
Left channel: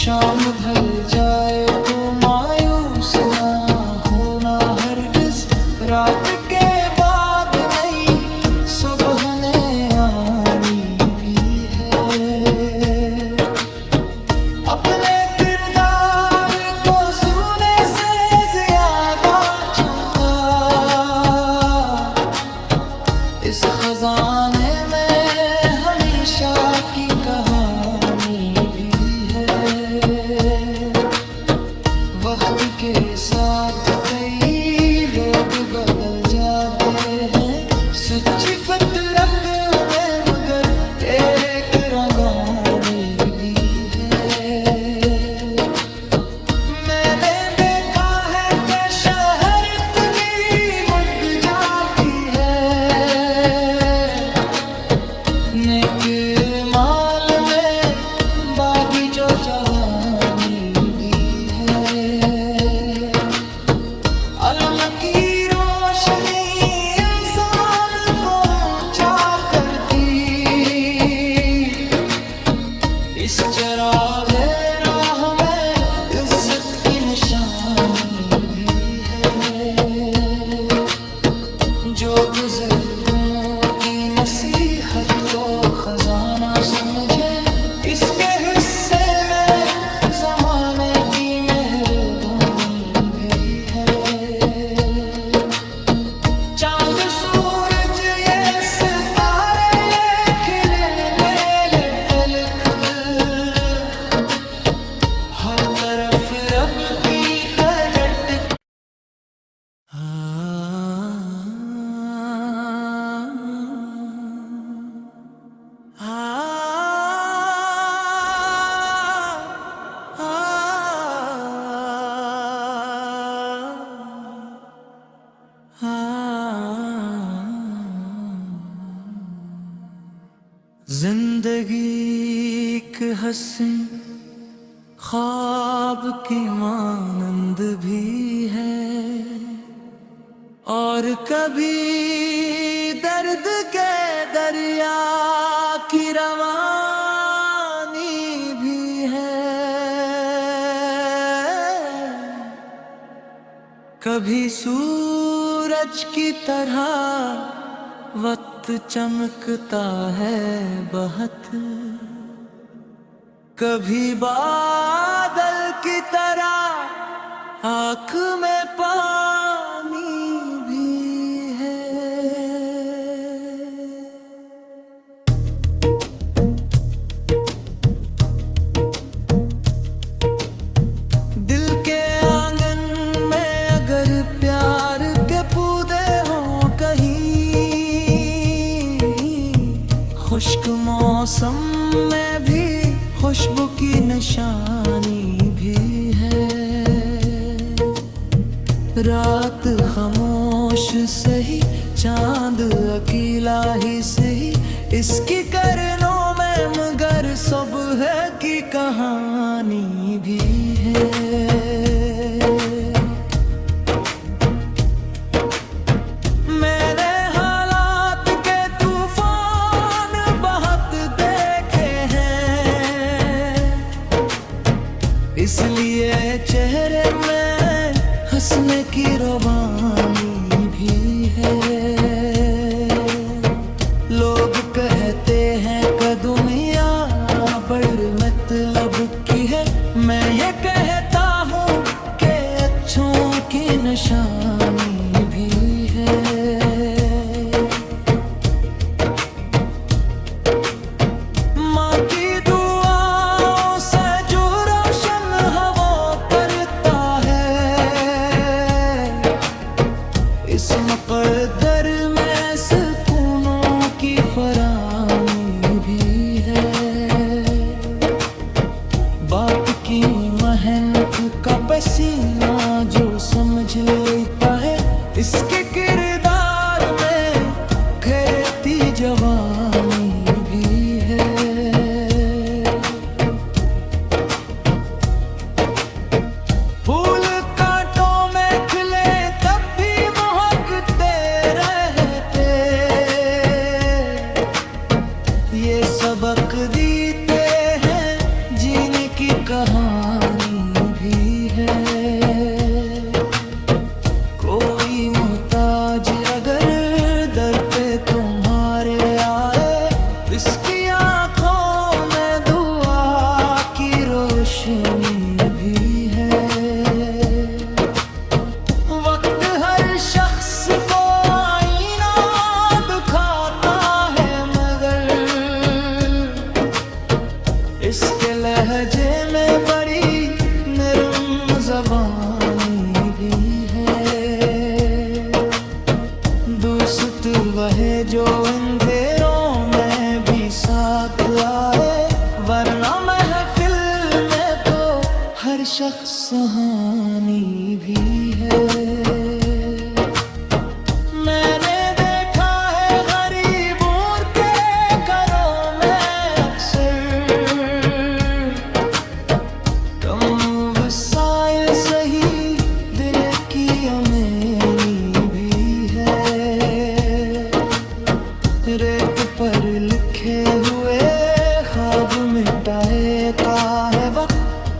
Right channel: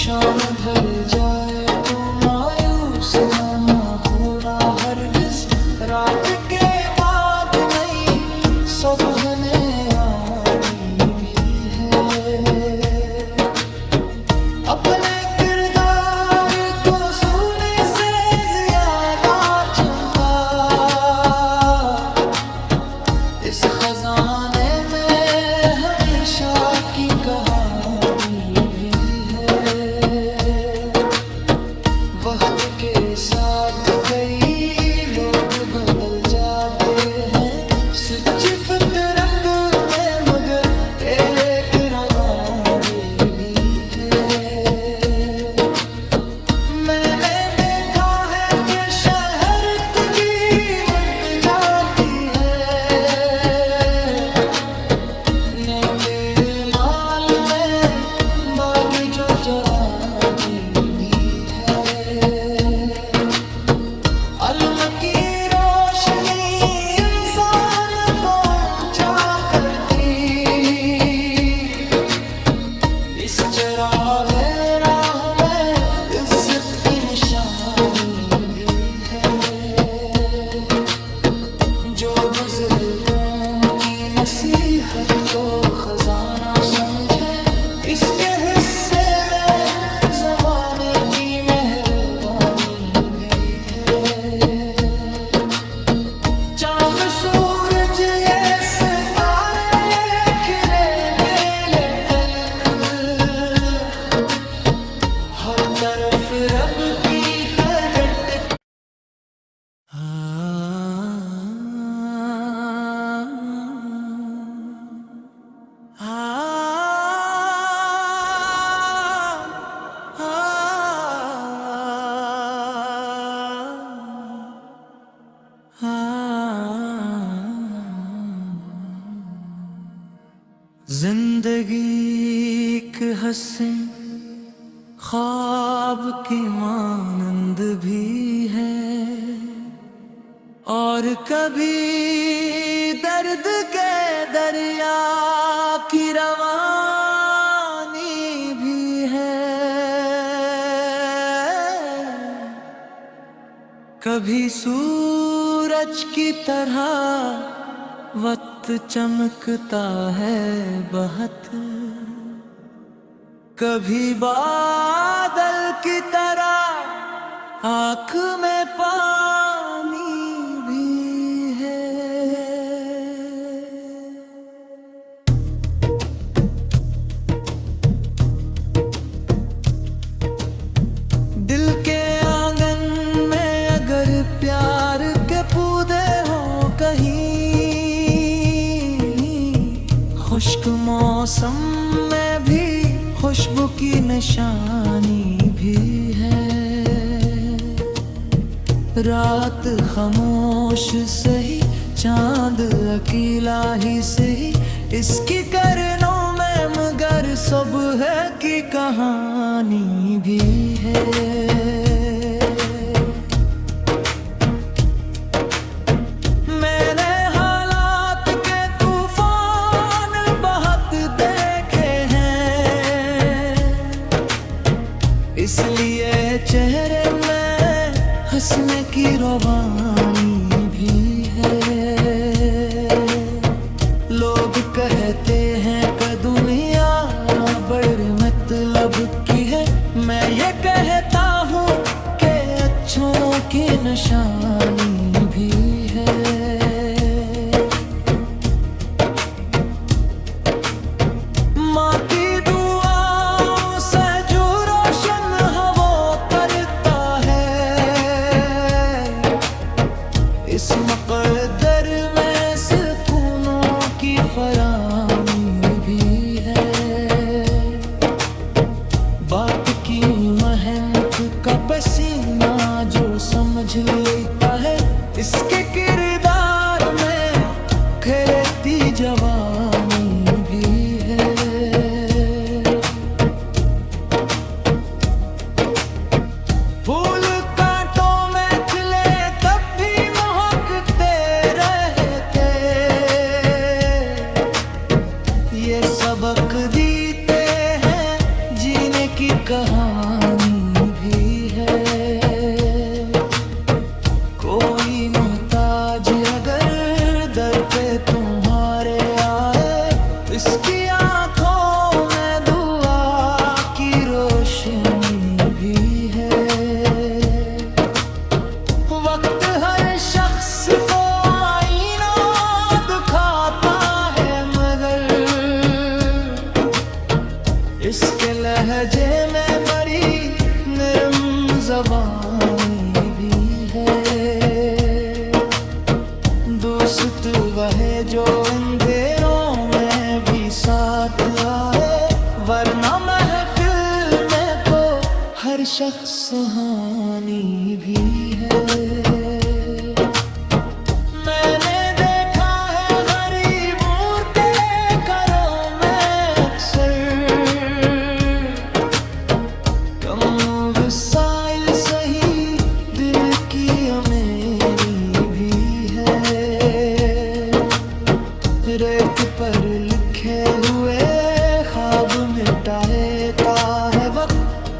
शाम ढल जाए तो मायूस ना होना हरगिज, रात के बाद नई सुबह ने आनी भी है। अपने किरदार को सोने से ज्यादा चमका, इस खजाने में हमेशा की कहानी भी है। वक्त के साथ कई लोग बदल जाते हैं, सच्ची फितरत में मगर एक रवानी भी है। मैंने देखा है कि शहरत भी मुक जाती है, नेक माल में बागी जो जवानी भी है। अलम की रोशनी इंसान को ऊंचा करती, इस चिरागे राह में इज्जत की निशानी भी है। जो बुजुर्गों की नसीहत को खजाना समझे, इसके हिस्से में जमाने की मेहरबानी भी है। चांद सूरज ये सितारे ये खिले नीले फलक, हर तरफ रब की प्रगट। जिंदगी एक हंसी ख्वाब की मानंद भी है, और कभी दर्द के दरिया की रवानी भी है। कभी सूरज सूरज की तरह वक्त चमकता है बहुत, कभी बादल की तरह आँख में पानी भी है। दिल के आंगन में अगर प्यार के पौधे हों कहीं, खुश्क मौसम में भी खुशबू की निशानी भी है। रात खामोश सही, चांद अकेला ही सही, इसकी करनों में मगर सुबह की कहानी भी है। मैंने हालात के तूफान बहुत देखे हैं, इसलिए चेहरे में हंसने की रवानी भी है। लोग कहते हैं कि दुनिया बड़ी मतलब की है, मैं ये कहता हूँ कि अच्छों की निशानी भी है। माँ की दुआओं से जो रोशन हवा करता है, इस मकद्दर में सुकूनों की फरामी भी है। बाप की मेहनत का पसीना जो समझ लेता है, इसके किरदार में खिलती जवानी भी है। फूल कांटों में खिले तब भी महकते रहते, ये सबक देते हैं जीने की कहानी भी है। कोई मोहताज अगर दर पे तुम्हारे आए, इसकी आंखों में दुआ की रोशनी भी है। वक्त हर शख्स को आईना दिखाता है, मगर इसके लहजे में बड़ी नरम ज़बानी भी है। दोस्त वह जो अंधेरों में भी साथ आए, वरना महफिल में तो हर शख्स सुहानी भी है। मैंने देखा है गरीबों के घरों में अक्सर, कम वसाइल सही दिल की अमीरी भी है। रेत पर लिखे हुए ख्वाब मिटाता है वक्त,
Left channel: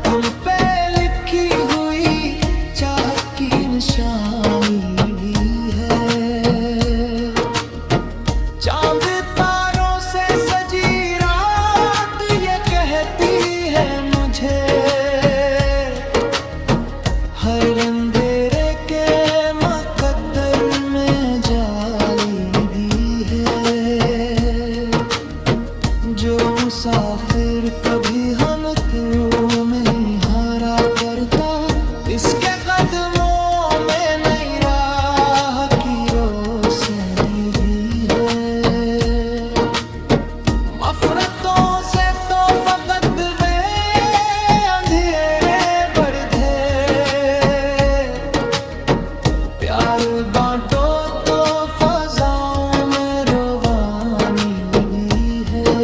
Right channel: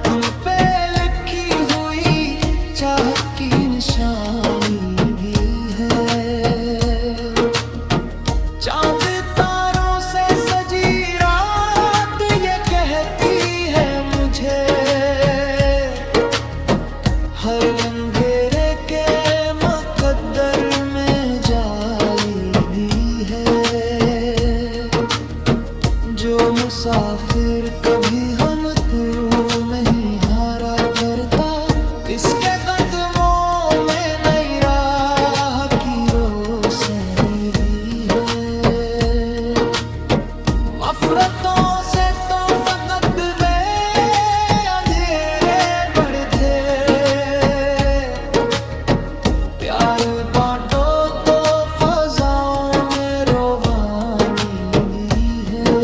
दिल पे लिखी हुई चाहत की निशानी भी है। चांद तारों से सजी रात ये कहती है मुझे, हर अंधेरे के मुकद्दर में जाली भी है। जो मुसाफिर कभी हम तुम में ही हारा करता, इसके कदमों में नई राह की रोशनी भी है। नफरतों से तो फकत में अंधेरे बढ़े, प्यार बांटो तो फजाओं में रोवानी भी है।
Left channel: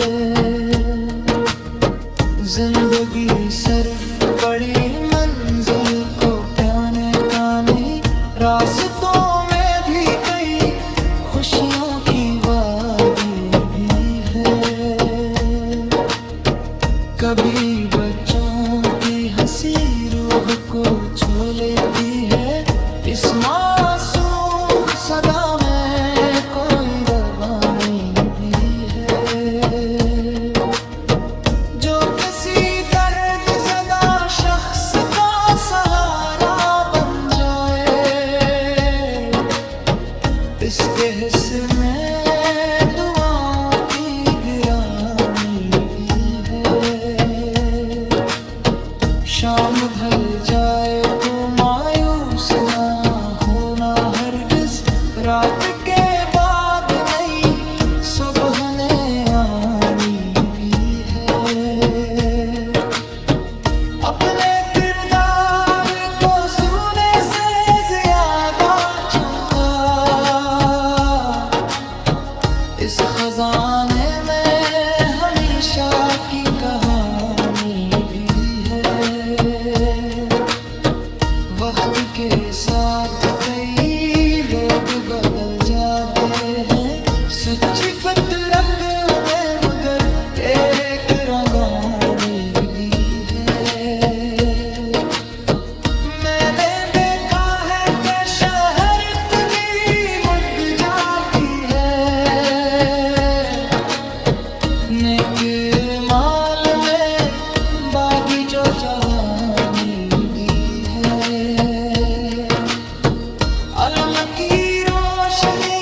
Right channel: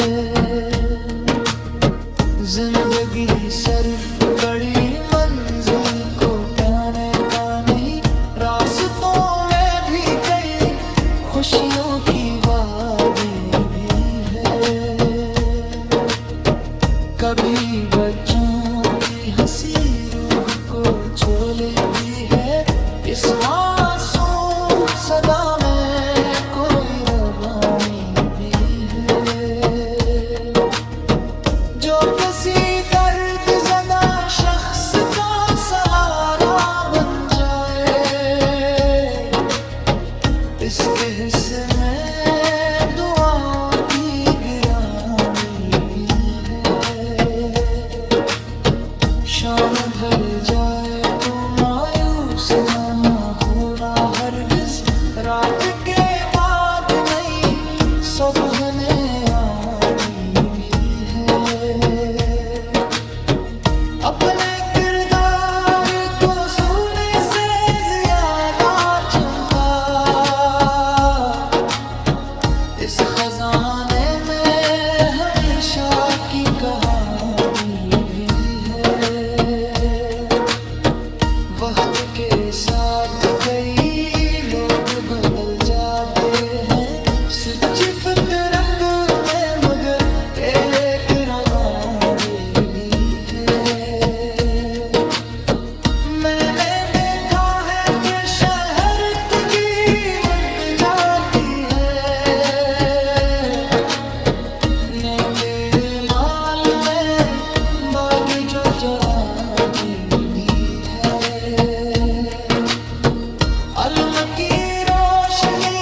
जिंदगी सिर्फ बड़ी मंजिल को पाने का नहीं, रास्तों में भी कई खुशियों की वादी भी है। कभी बच्चों की हंसी रूह को छू लेती है, इस मासूम सदा में कोई रवानी भी है, जो किसी दर्द ज़दा शख्स का सहारा बन जाए। इसके हिस्से में दुआओं की गिरानी भी है। शाम ढल जाए तो मायूस ना होना हरगिज, रात के बाद नई सुबह ने आनी भी है। अपने किरदार को सोने से ज्यादा चमका, इस खजाने में हमेशा की कहानी भी है। वक्त के साथ कई लोग बदल जाते हैं, सच्ची फितरत में मगर एक रवानी भी है। मैंने देखा है कि शहरत भी मुक जाती है, नेक माल में बागी जो जवानी भी है। अलम की रोशनी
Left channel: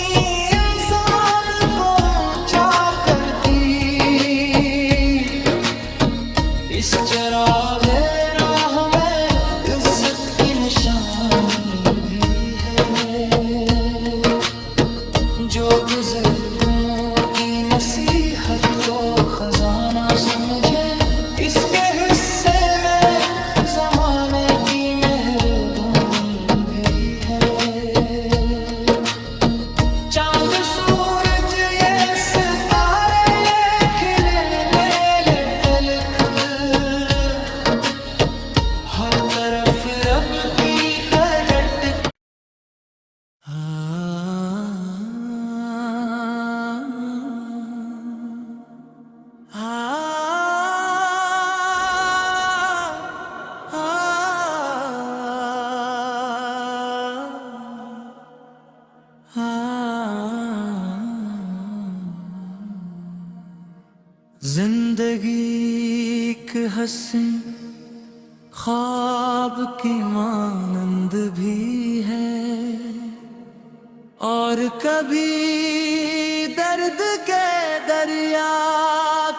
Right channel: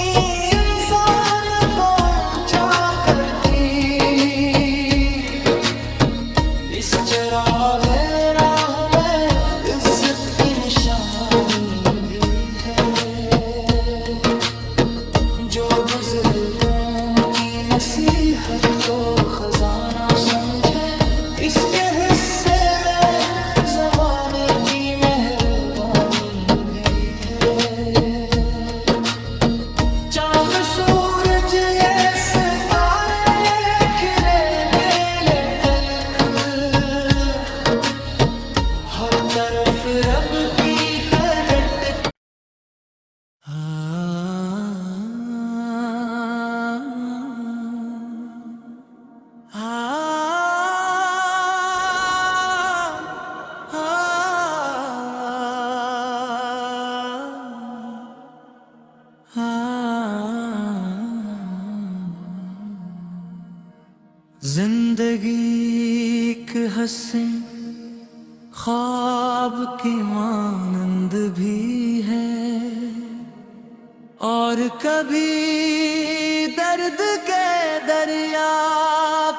इंसान को ऊंचा करती, इस चिरागे राह में इज्जत की निशानी भी है। जो बुजुर्गों की नसीहत को खजाना समझे, इसके हिस्से में जमाने की मेहरबानी भी है। चांद सूरज ये सितारे ये खिले नीले फलक, हर तरफ रब की कड़ट। जिंदगी एक हंसी ख्वाब की मानंद भी है, और कभी दर्द के दरिया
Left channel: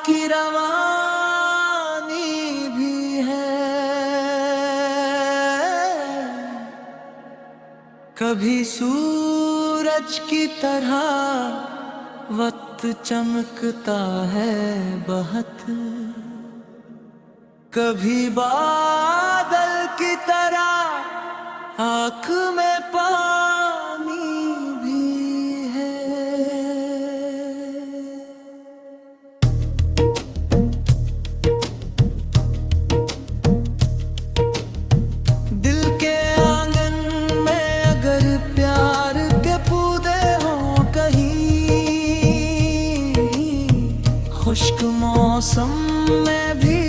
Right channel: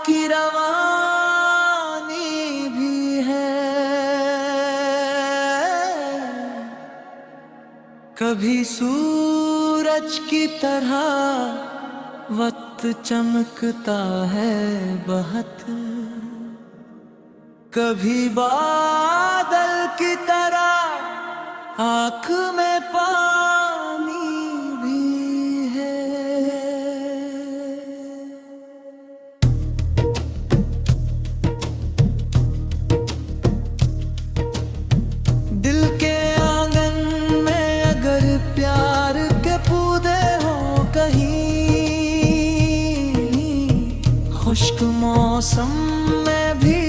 की रवानी भी है। कभी सूरज की तरह वक्त चमकता है बहुत, कभी बादल की तरह आँख में पानी भी है। दिल के आंगन में अगर प्यार के पौधे हों कहीं, खुश्क मौसम में भी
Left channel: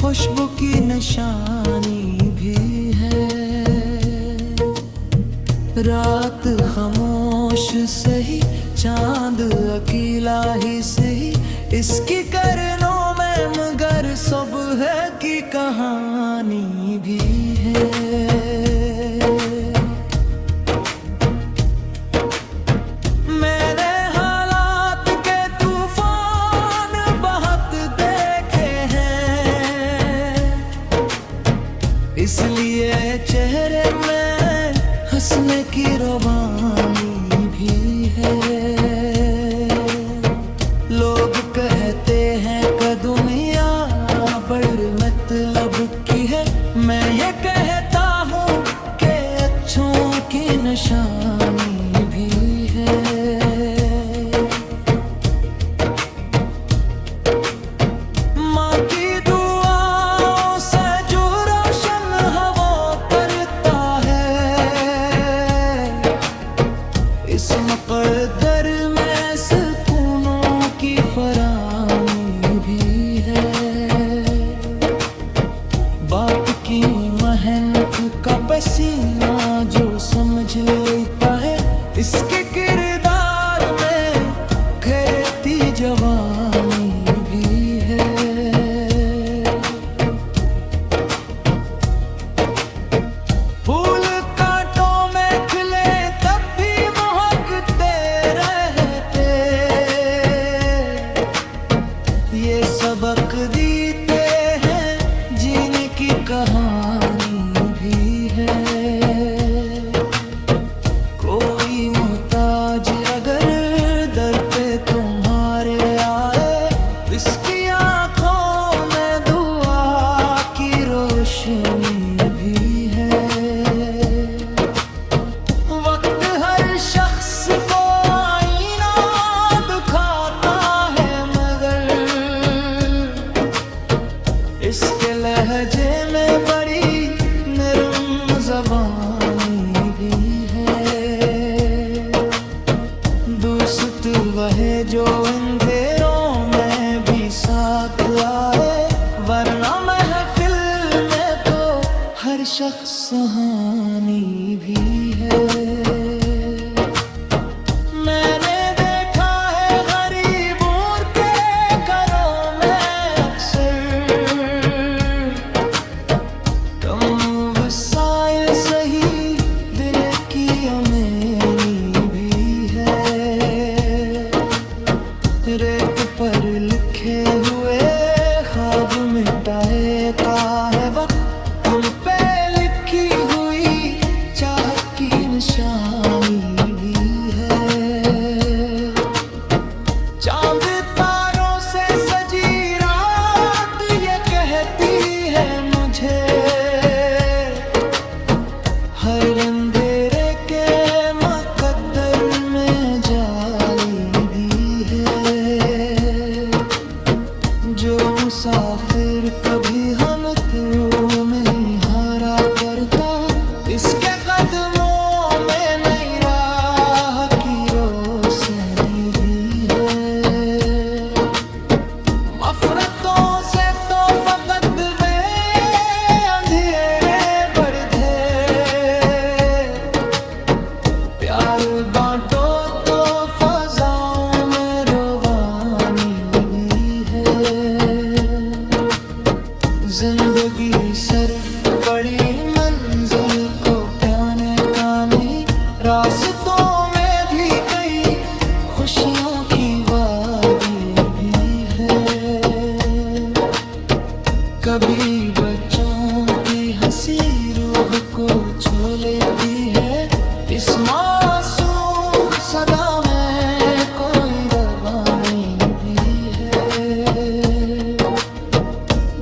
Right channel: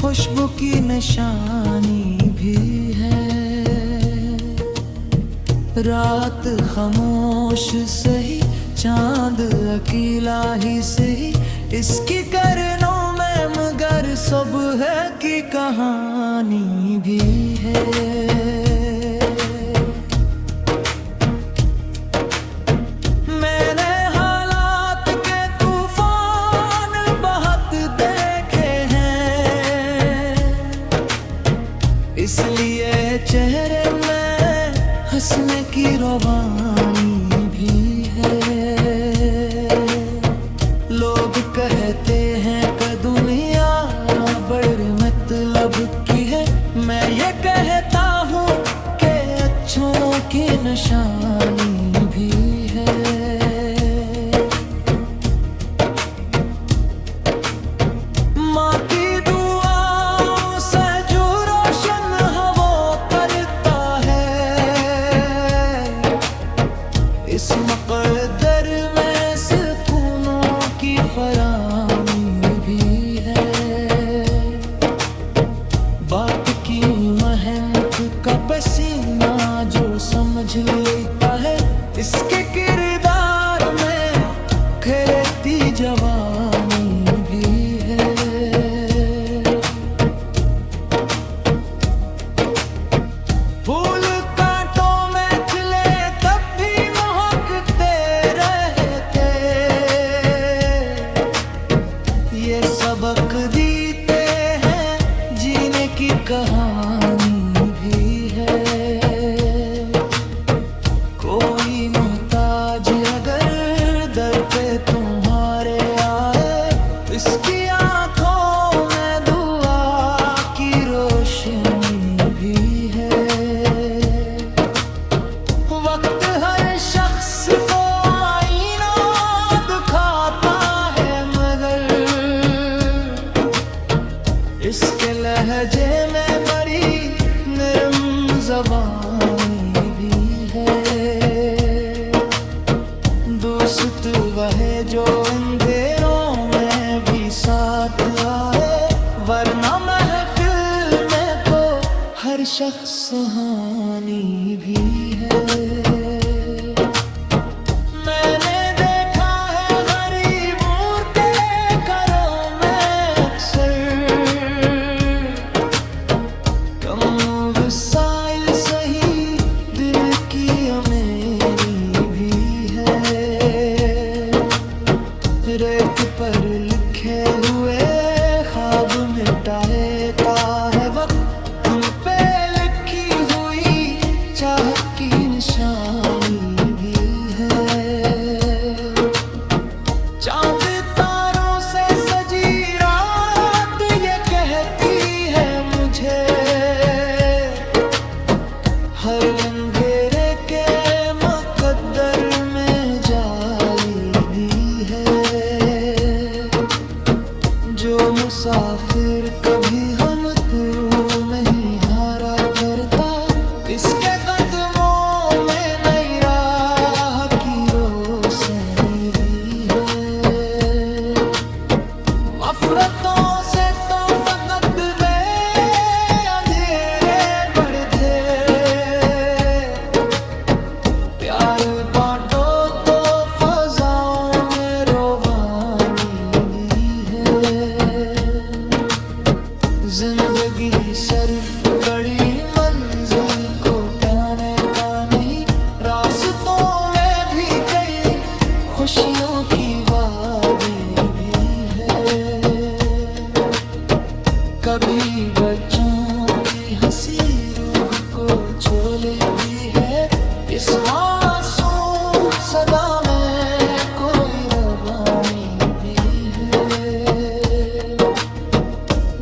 खुशबू की निशानी भी है। रात खामोश सही, चांद अकेला ही सही, इसकी करनों में मगर सुबह की कहानी भी है। इसलिए चेहरे में हंसने की रवानी भी है। लोग कहते हैं कि दुनिया बड़ी मतलब की है, मैं ये कहता हूँ कि अच्छों की निशानी भी है। इस मक़दर में सुकूनों की फरामी भी है। बाप की मेहनत का सीना जो समझ लेता है इसके किरदार में खिलती जवानी भी है। फूल कांटों में खिले तब भी महकते रहते, ये सबक देते हैं जीने की कहानी भी है। कोई मोहताज अगर दर पे तुम्हारे आए, इसकी आंखों में दुआ की रोशनी भी है। वक्त हर शख्स को आईना दिखाता है, मगर इसके लहजे में बड़ी नरम ज़बानी भी है। दोस्त वह जो अंधेरों में भी साथ आए, वरना महफिल में तो हर शख्स सुहानी भी है। मैंने देखा है गरीबों के घरों में अक्सर, कम वसाइल सही दिल की अमीरी भी है। रेत पर लिखे हुए ख्वाब मिटाता है वक्त, तुम पे लिखी हुई चाहत की निशानी भी है। चांद तारों से सजी रात ये कहती है मुझे, हर अंधेरे के मुकद्दर में जाली भी है। जो मुसाफिर कभी हम तुम में ही हारा करता, इसके कदमों में नई राह की रोशनी भी है। नफरतों से तो फकत में अंधेरे बढ़े, प्यार बांटो तो फजाओं में रोवानी भी है। जिंदगी सिर्फ बड़ी मंजिल को पाने का नहीं, रास्तों में भी कई खुशियों की वादी भी है। कभी बच्चों की हंसी रूह को छू लेती है, इस मासूम सदा में कोई रवानी भी है।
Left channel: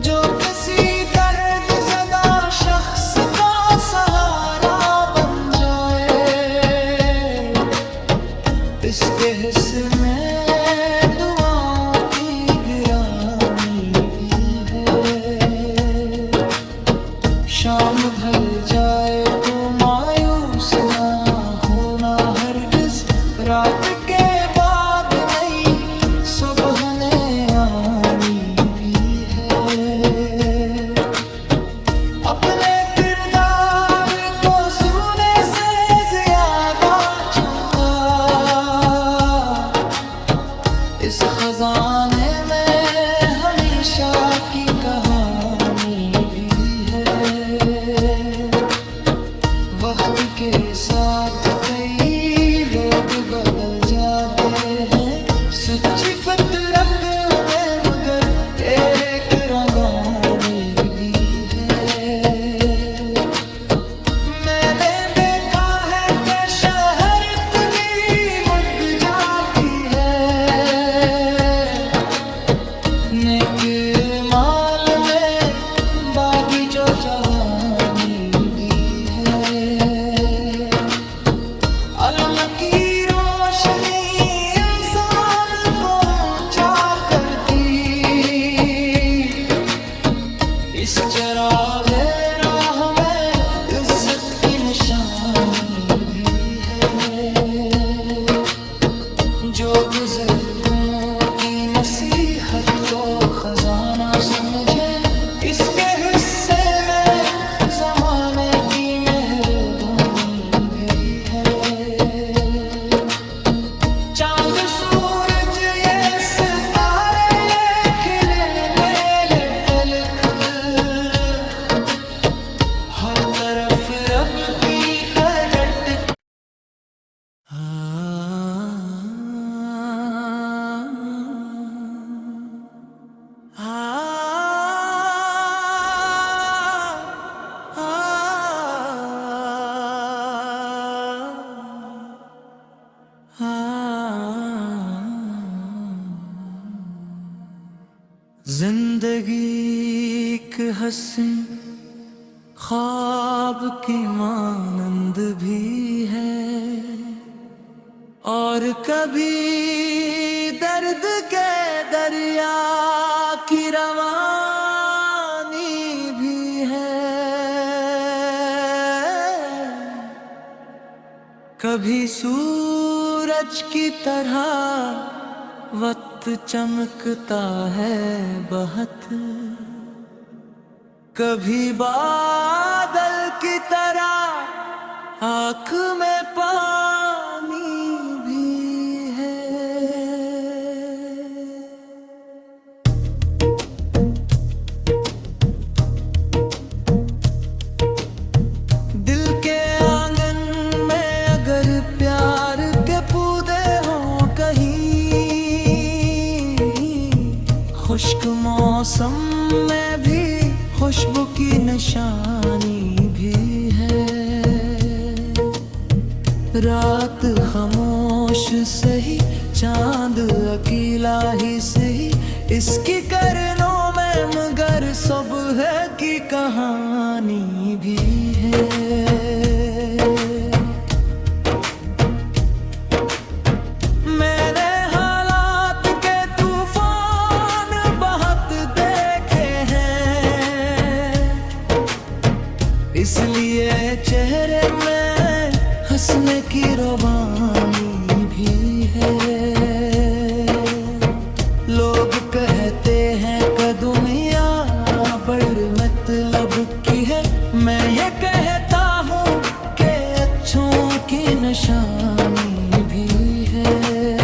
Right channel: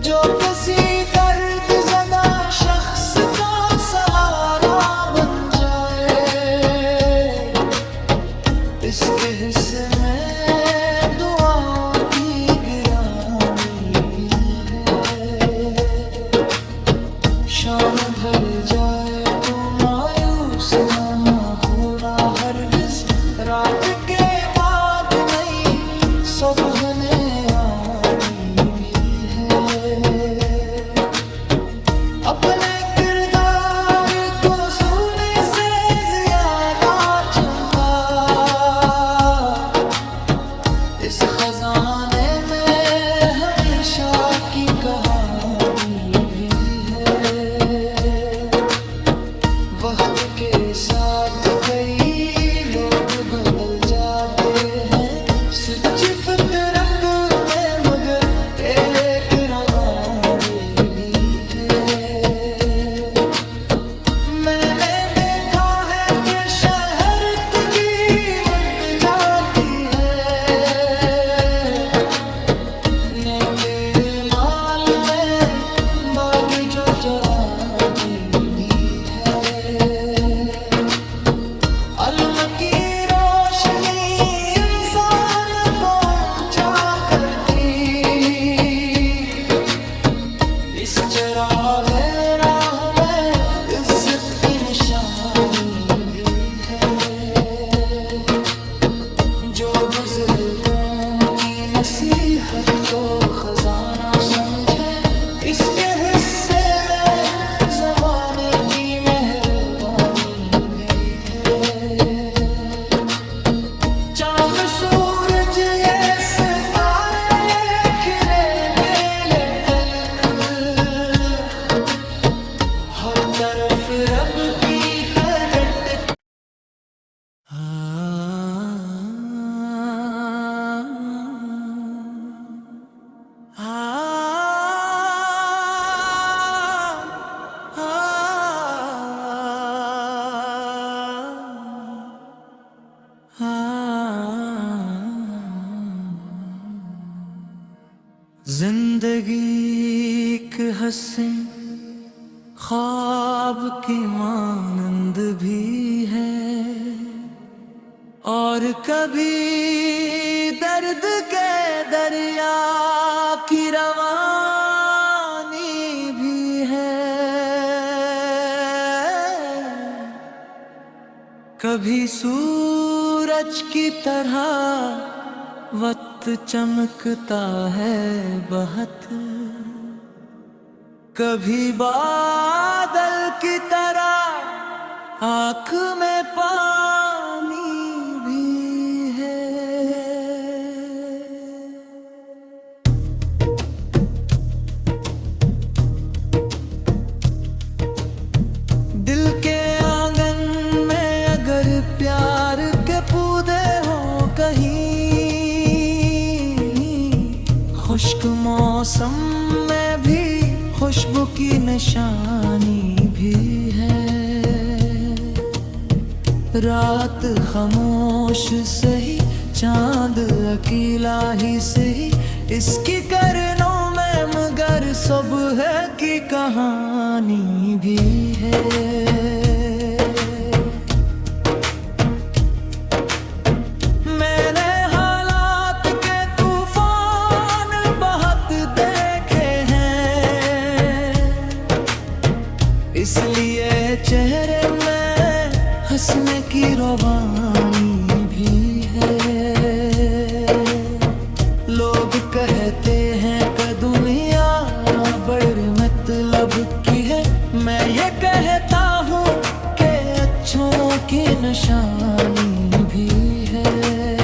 जो किसी दर्द ज़दा शख्स का सहारा बन जाए, इसके हिस्से में दुआओं की गिरानी भी है। शाम ढल जाए तो मायूस ना होना हरगिज, रात के बाद नई सुबह ने आनी भी है। अपने किरदार को सोने से ज्यादा चमका, इस खजाने में हमेशा की कहानी भी है। वक्त के साथ कई लोग बदल जाते हैं, सच्ची फितरत में मगर एक रवानी भी है। मैंने देखा है कि शहरत भी मुक जाती है, नेक माल में बागी जो जवानी भी है। अलम की रोशनी इंसान को ऊंचा करती, इस चिरागे राह में इज्जत की निशानी भी है। जो बुजुर्गों की नसीहत को खजाना समझे, इसके हिस्से में जमाने की मेहरबानी भी है। चांद सूरज ये सितारे ये खिले नीले फलक, हर तरफ रब की कडट। जिंदगी एक हंसी ख्वाब की मानंद भी है, और कभी दर्द के दरिया की रवानी भी है। कभी सूरज की तरह वक्त चमकता है बहुत, कभी बादल की तरह आँख में पानी भी है। दिल के आंगन में अगर प्यार के पौधे हों कहीं, खुश्क मौसम में भी खुशबू की निशानी भी है। रात खामोश सही चांद अकेला ही सही, इसकी करनों में मगर सुबह की कहानी भी है। इसलिए चेहरे में हंसने की रवानी भी है। लोग कहते हैं कि दुनिया बड़ी मतलब की है, मैं ये कहता हूँ कि अच्छों की निशानी भी है।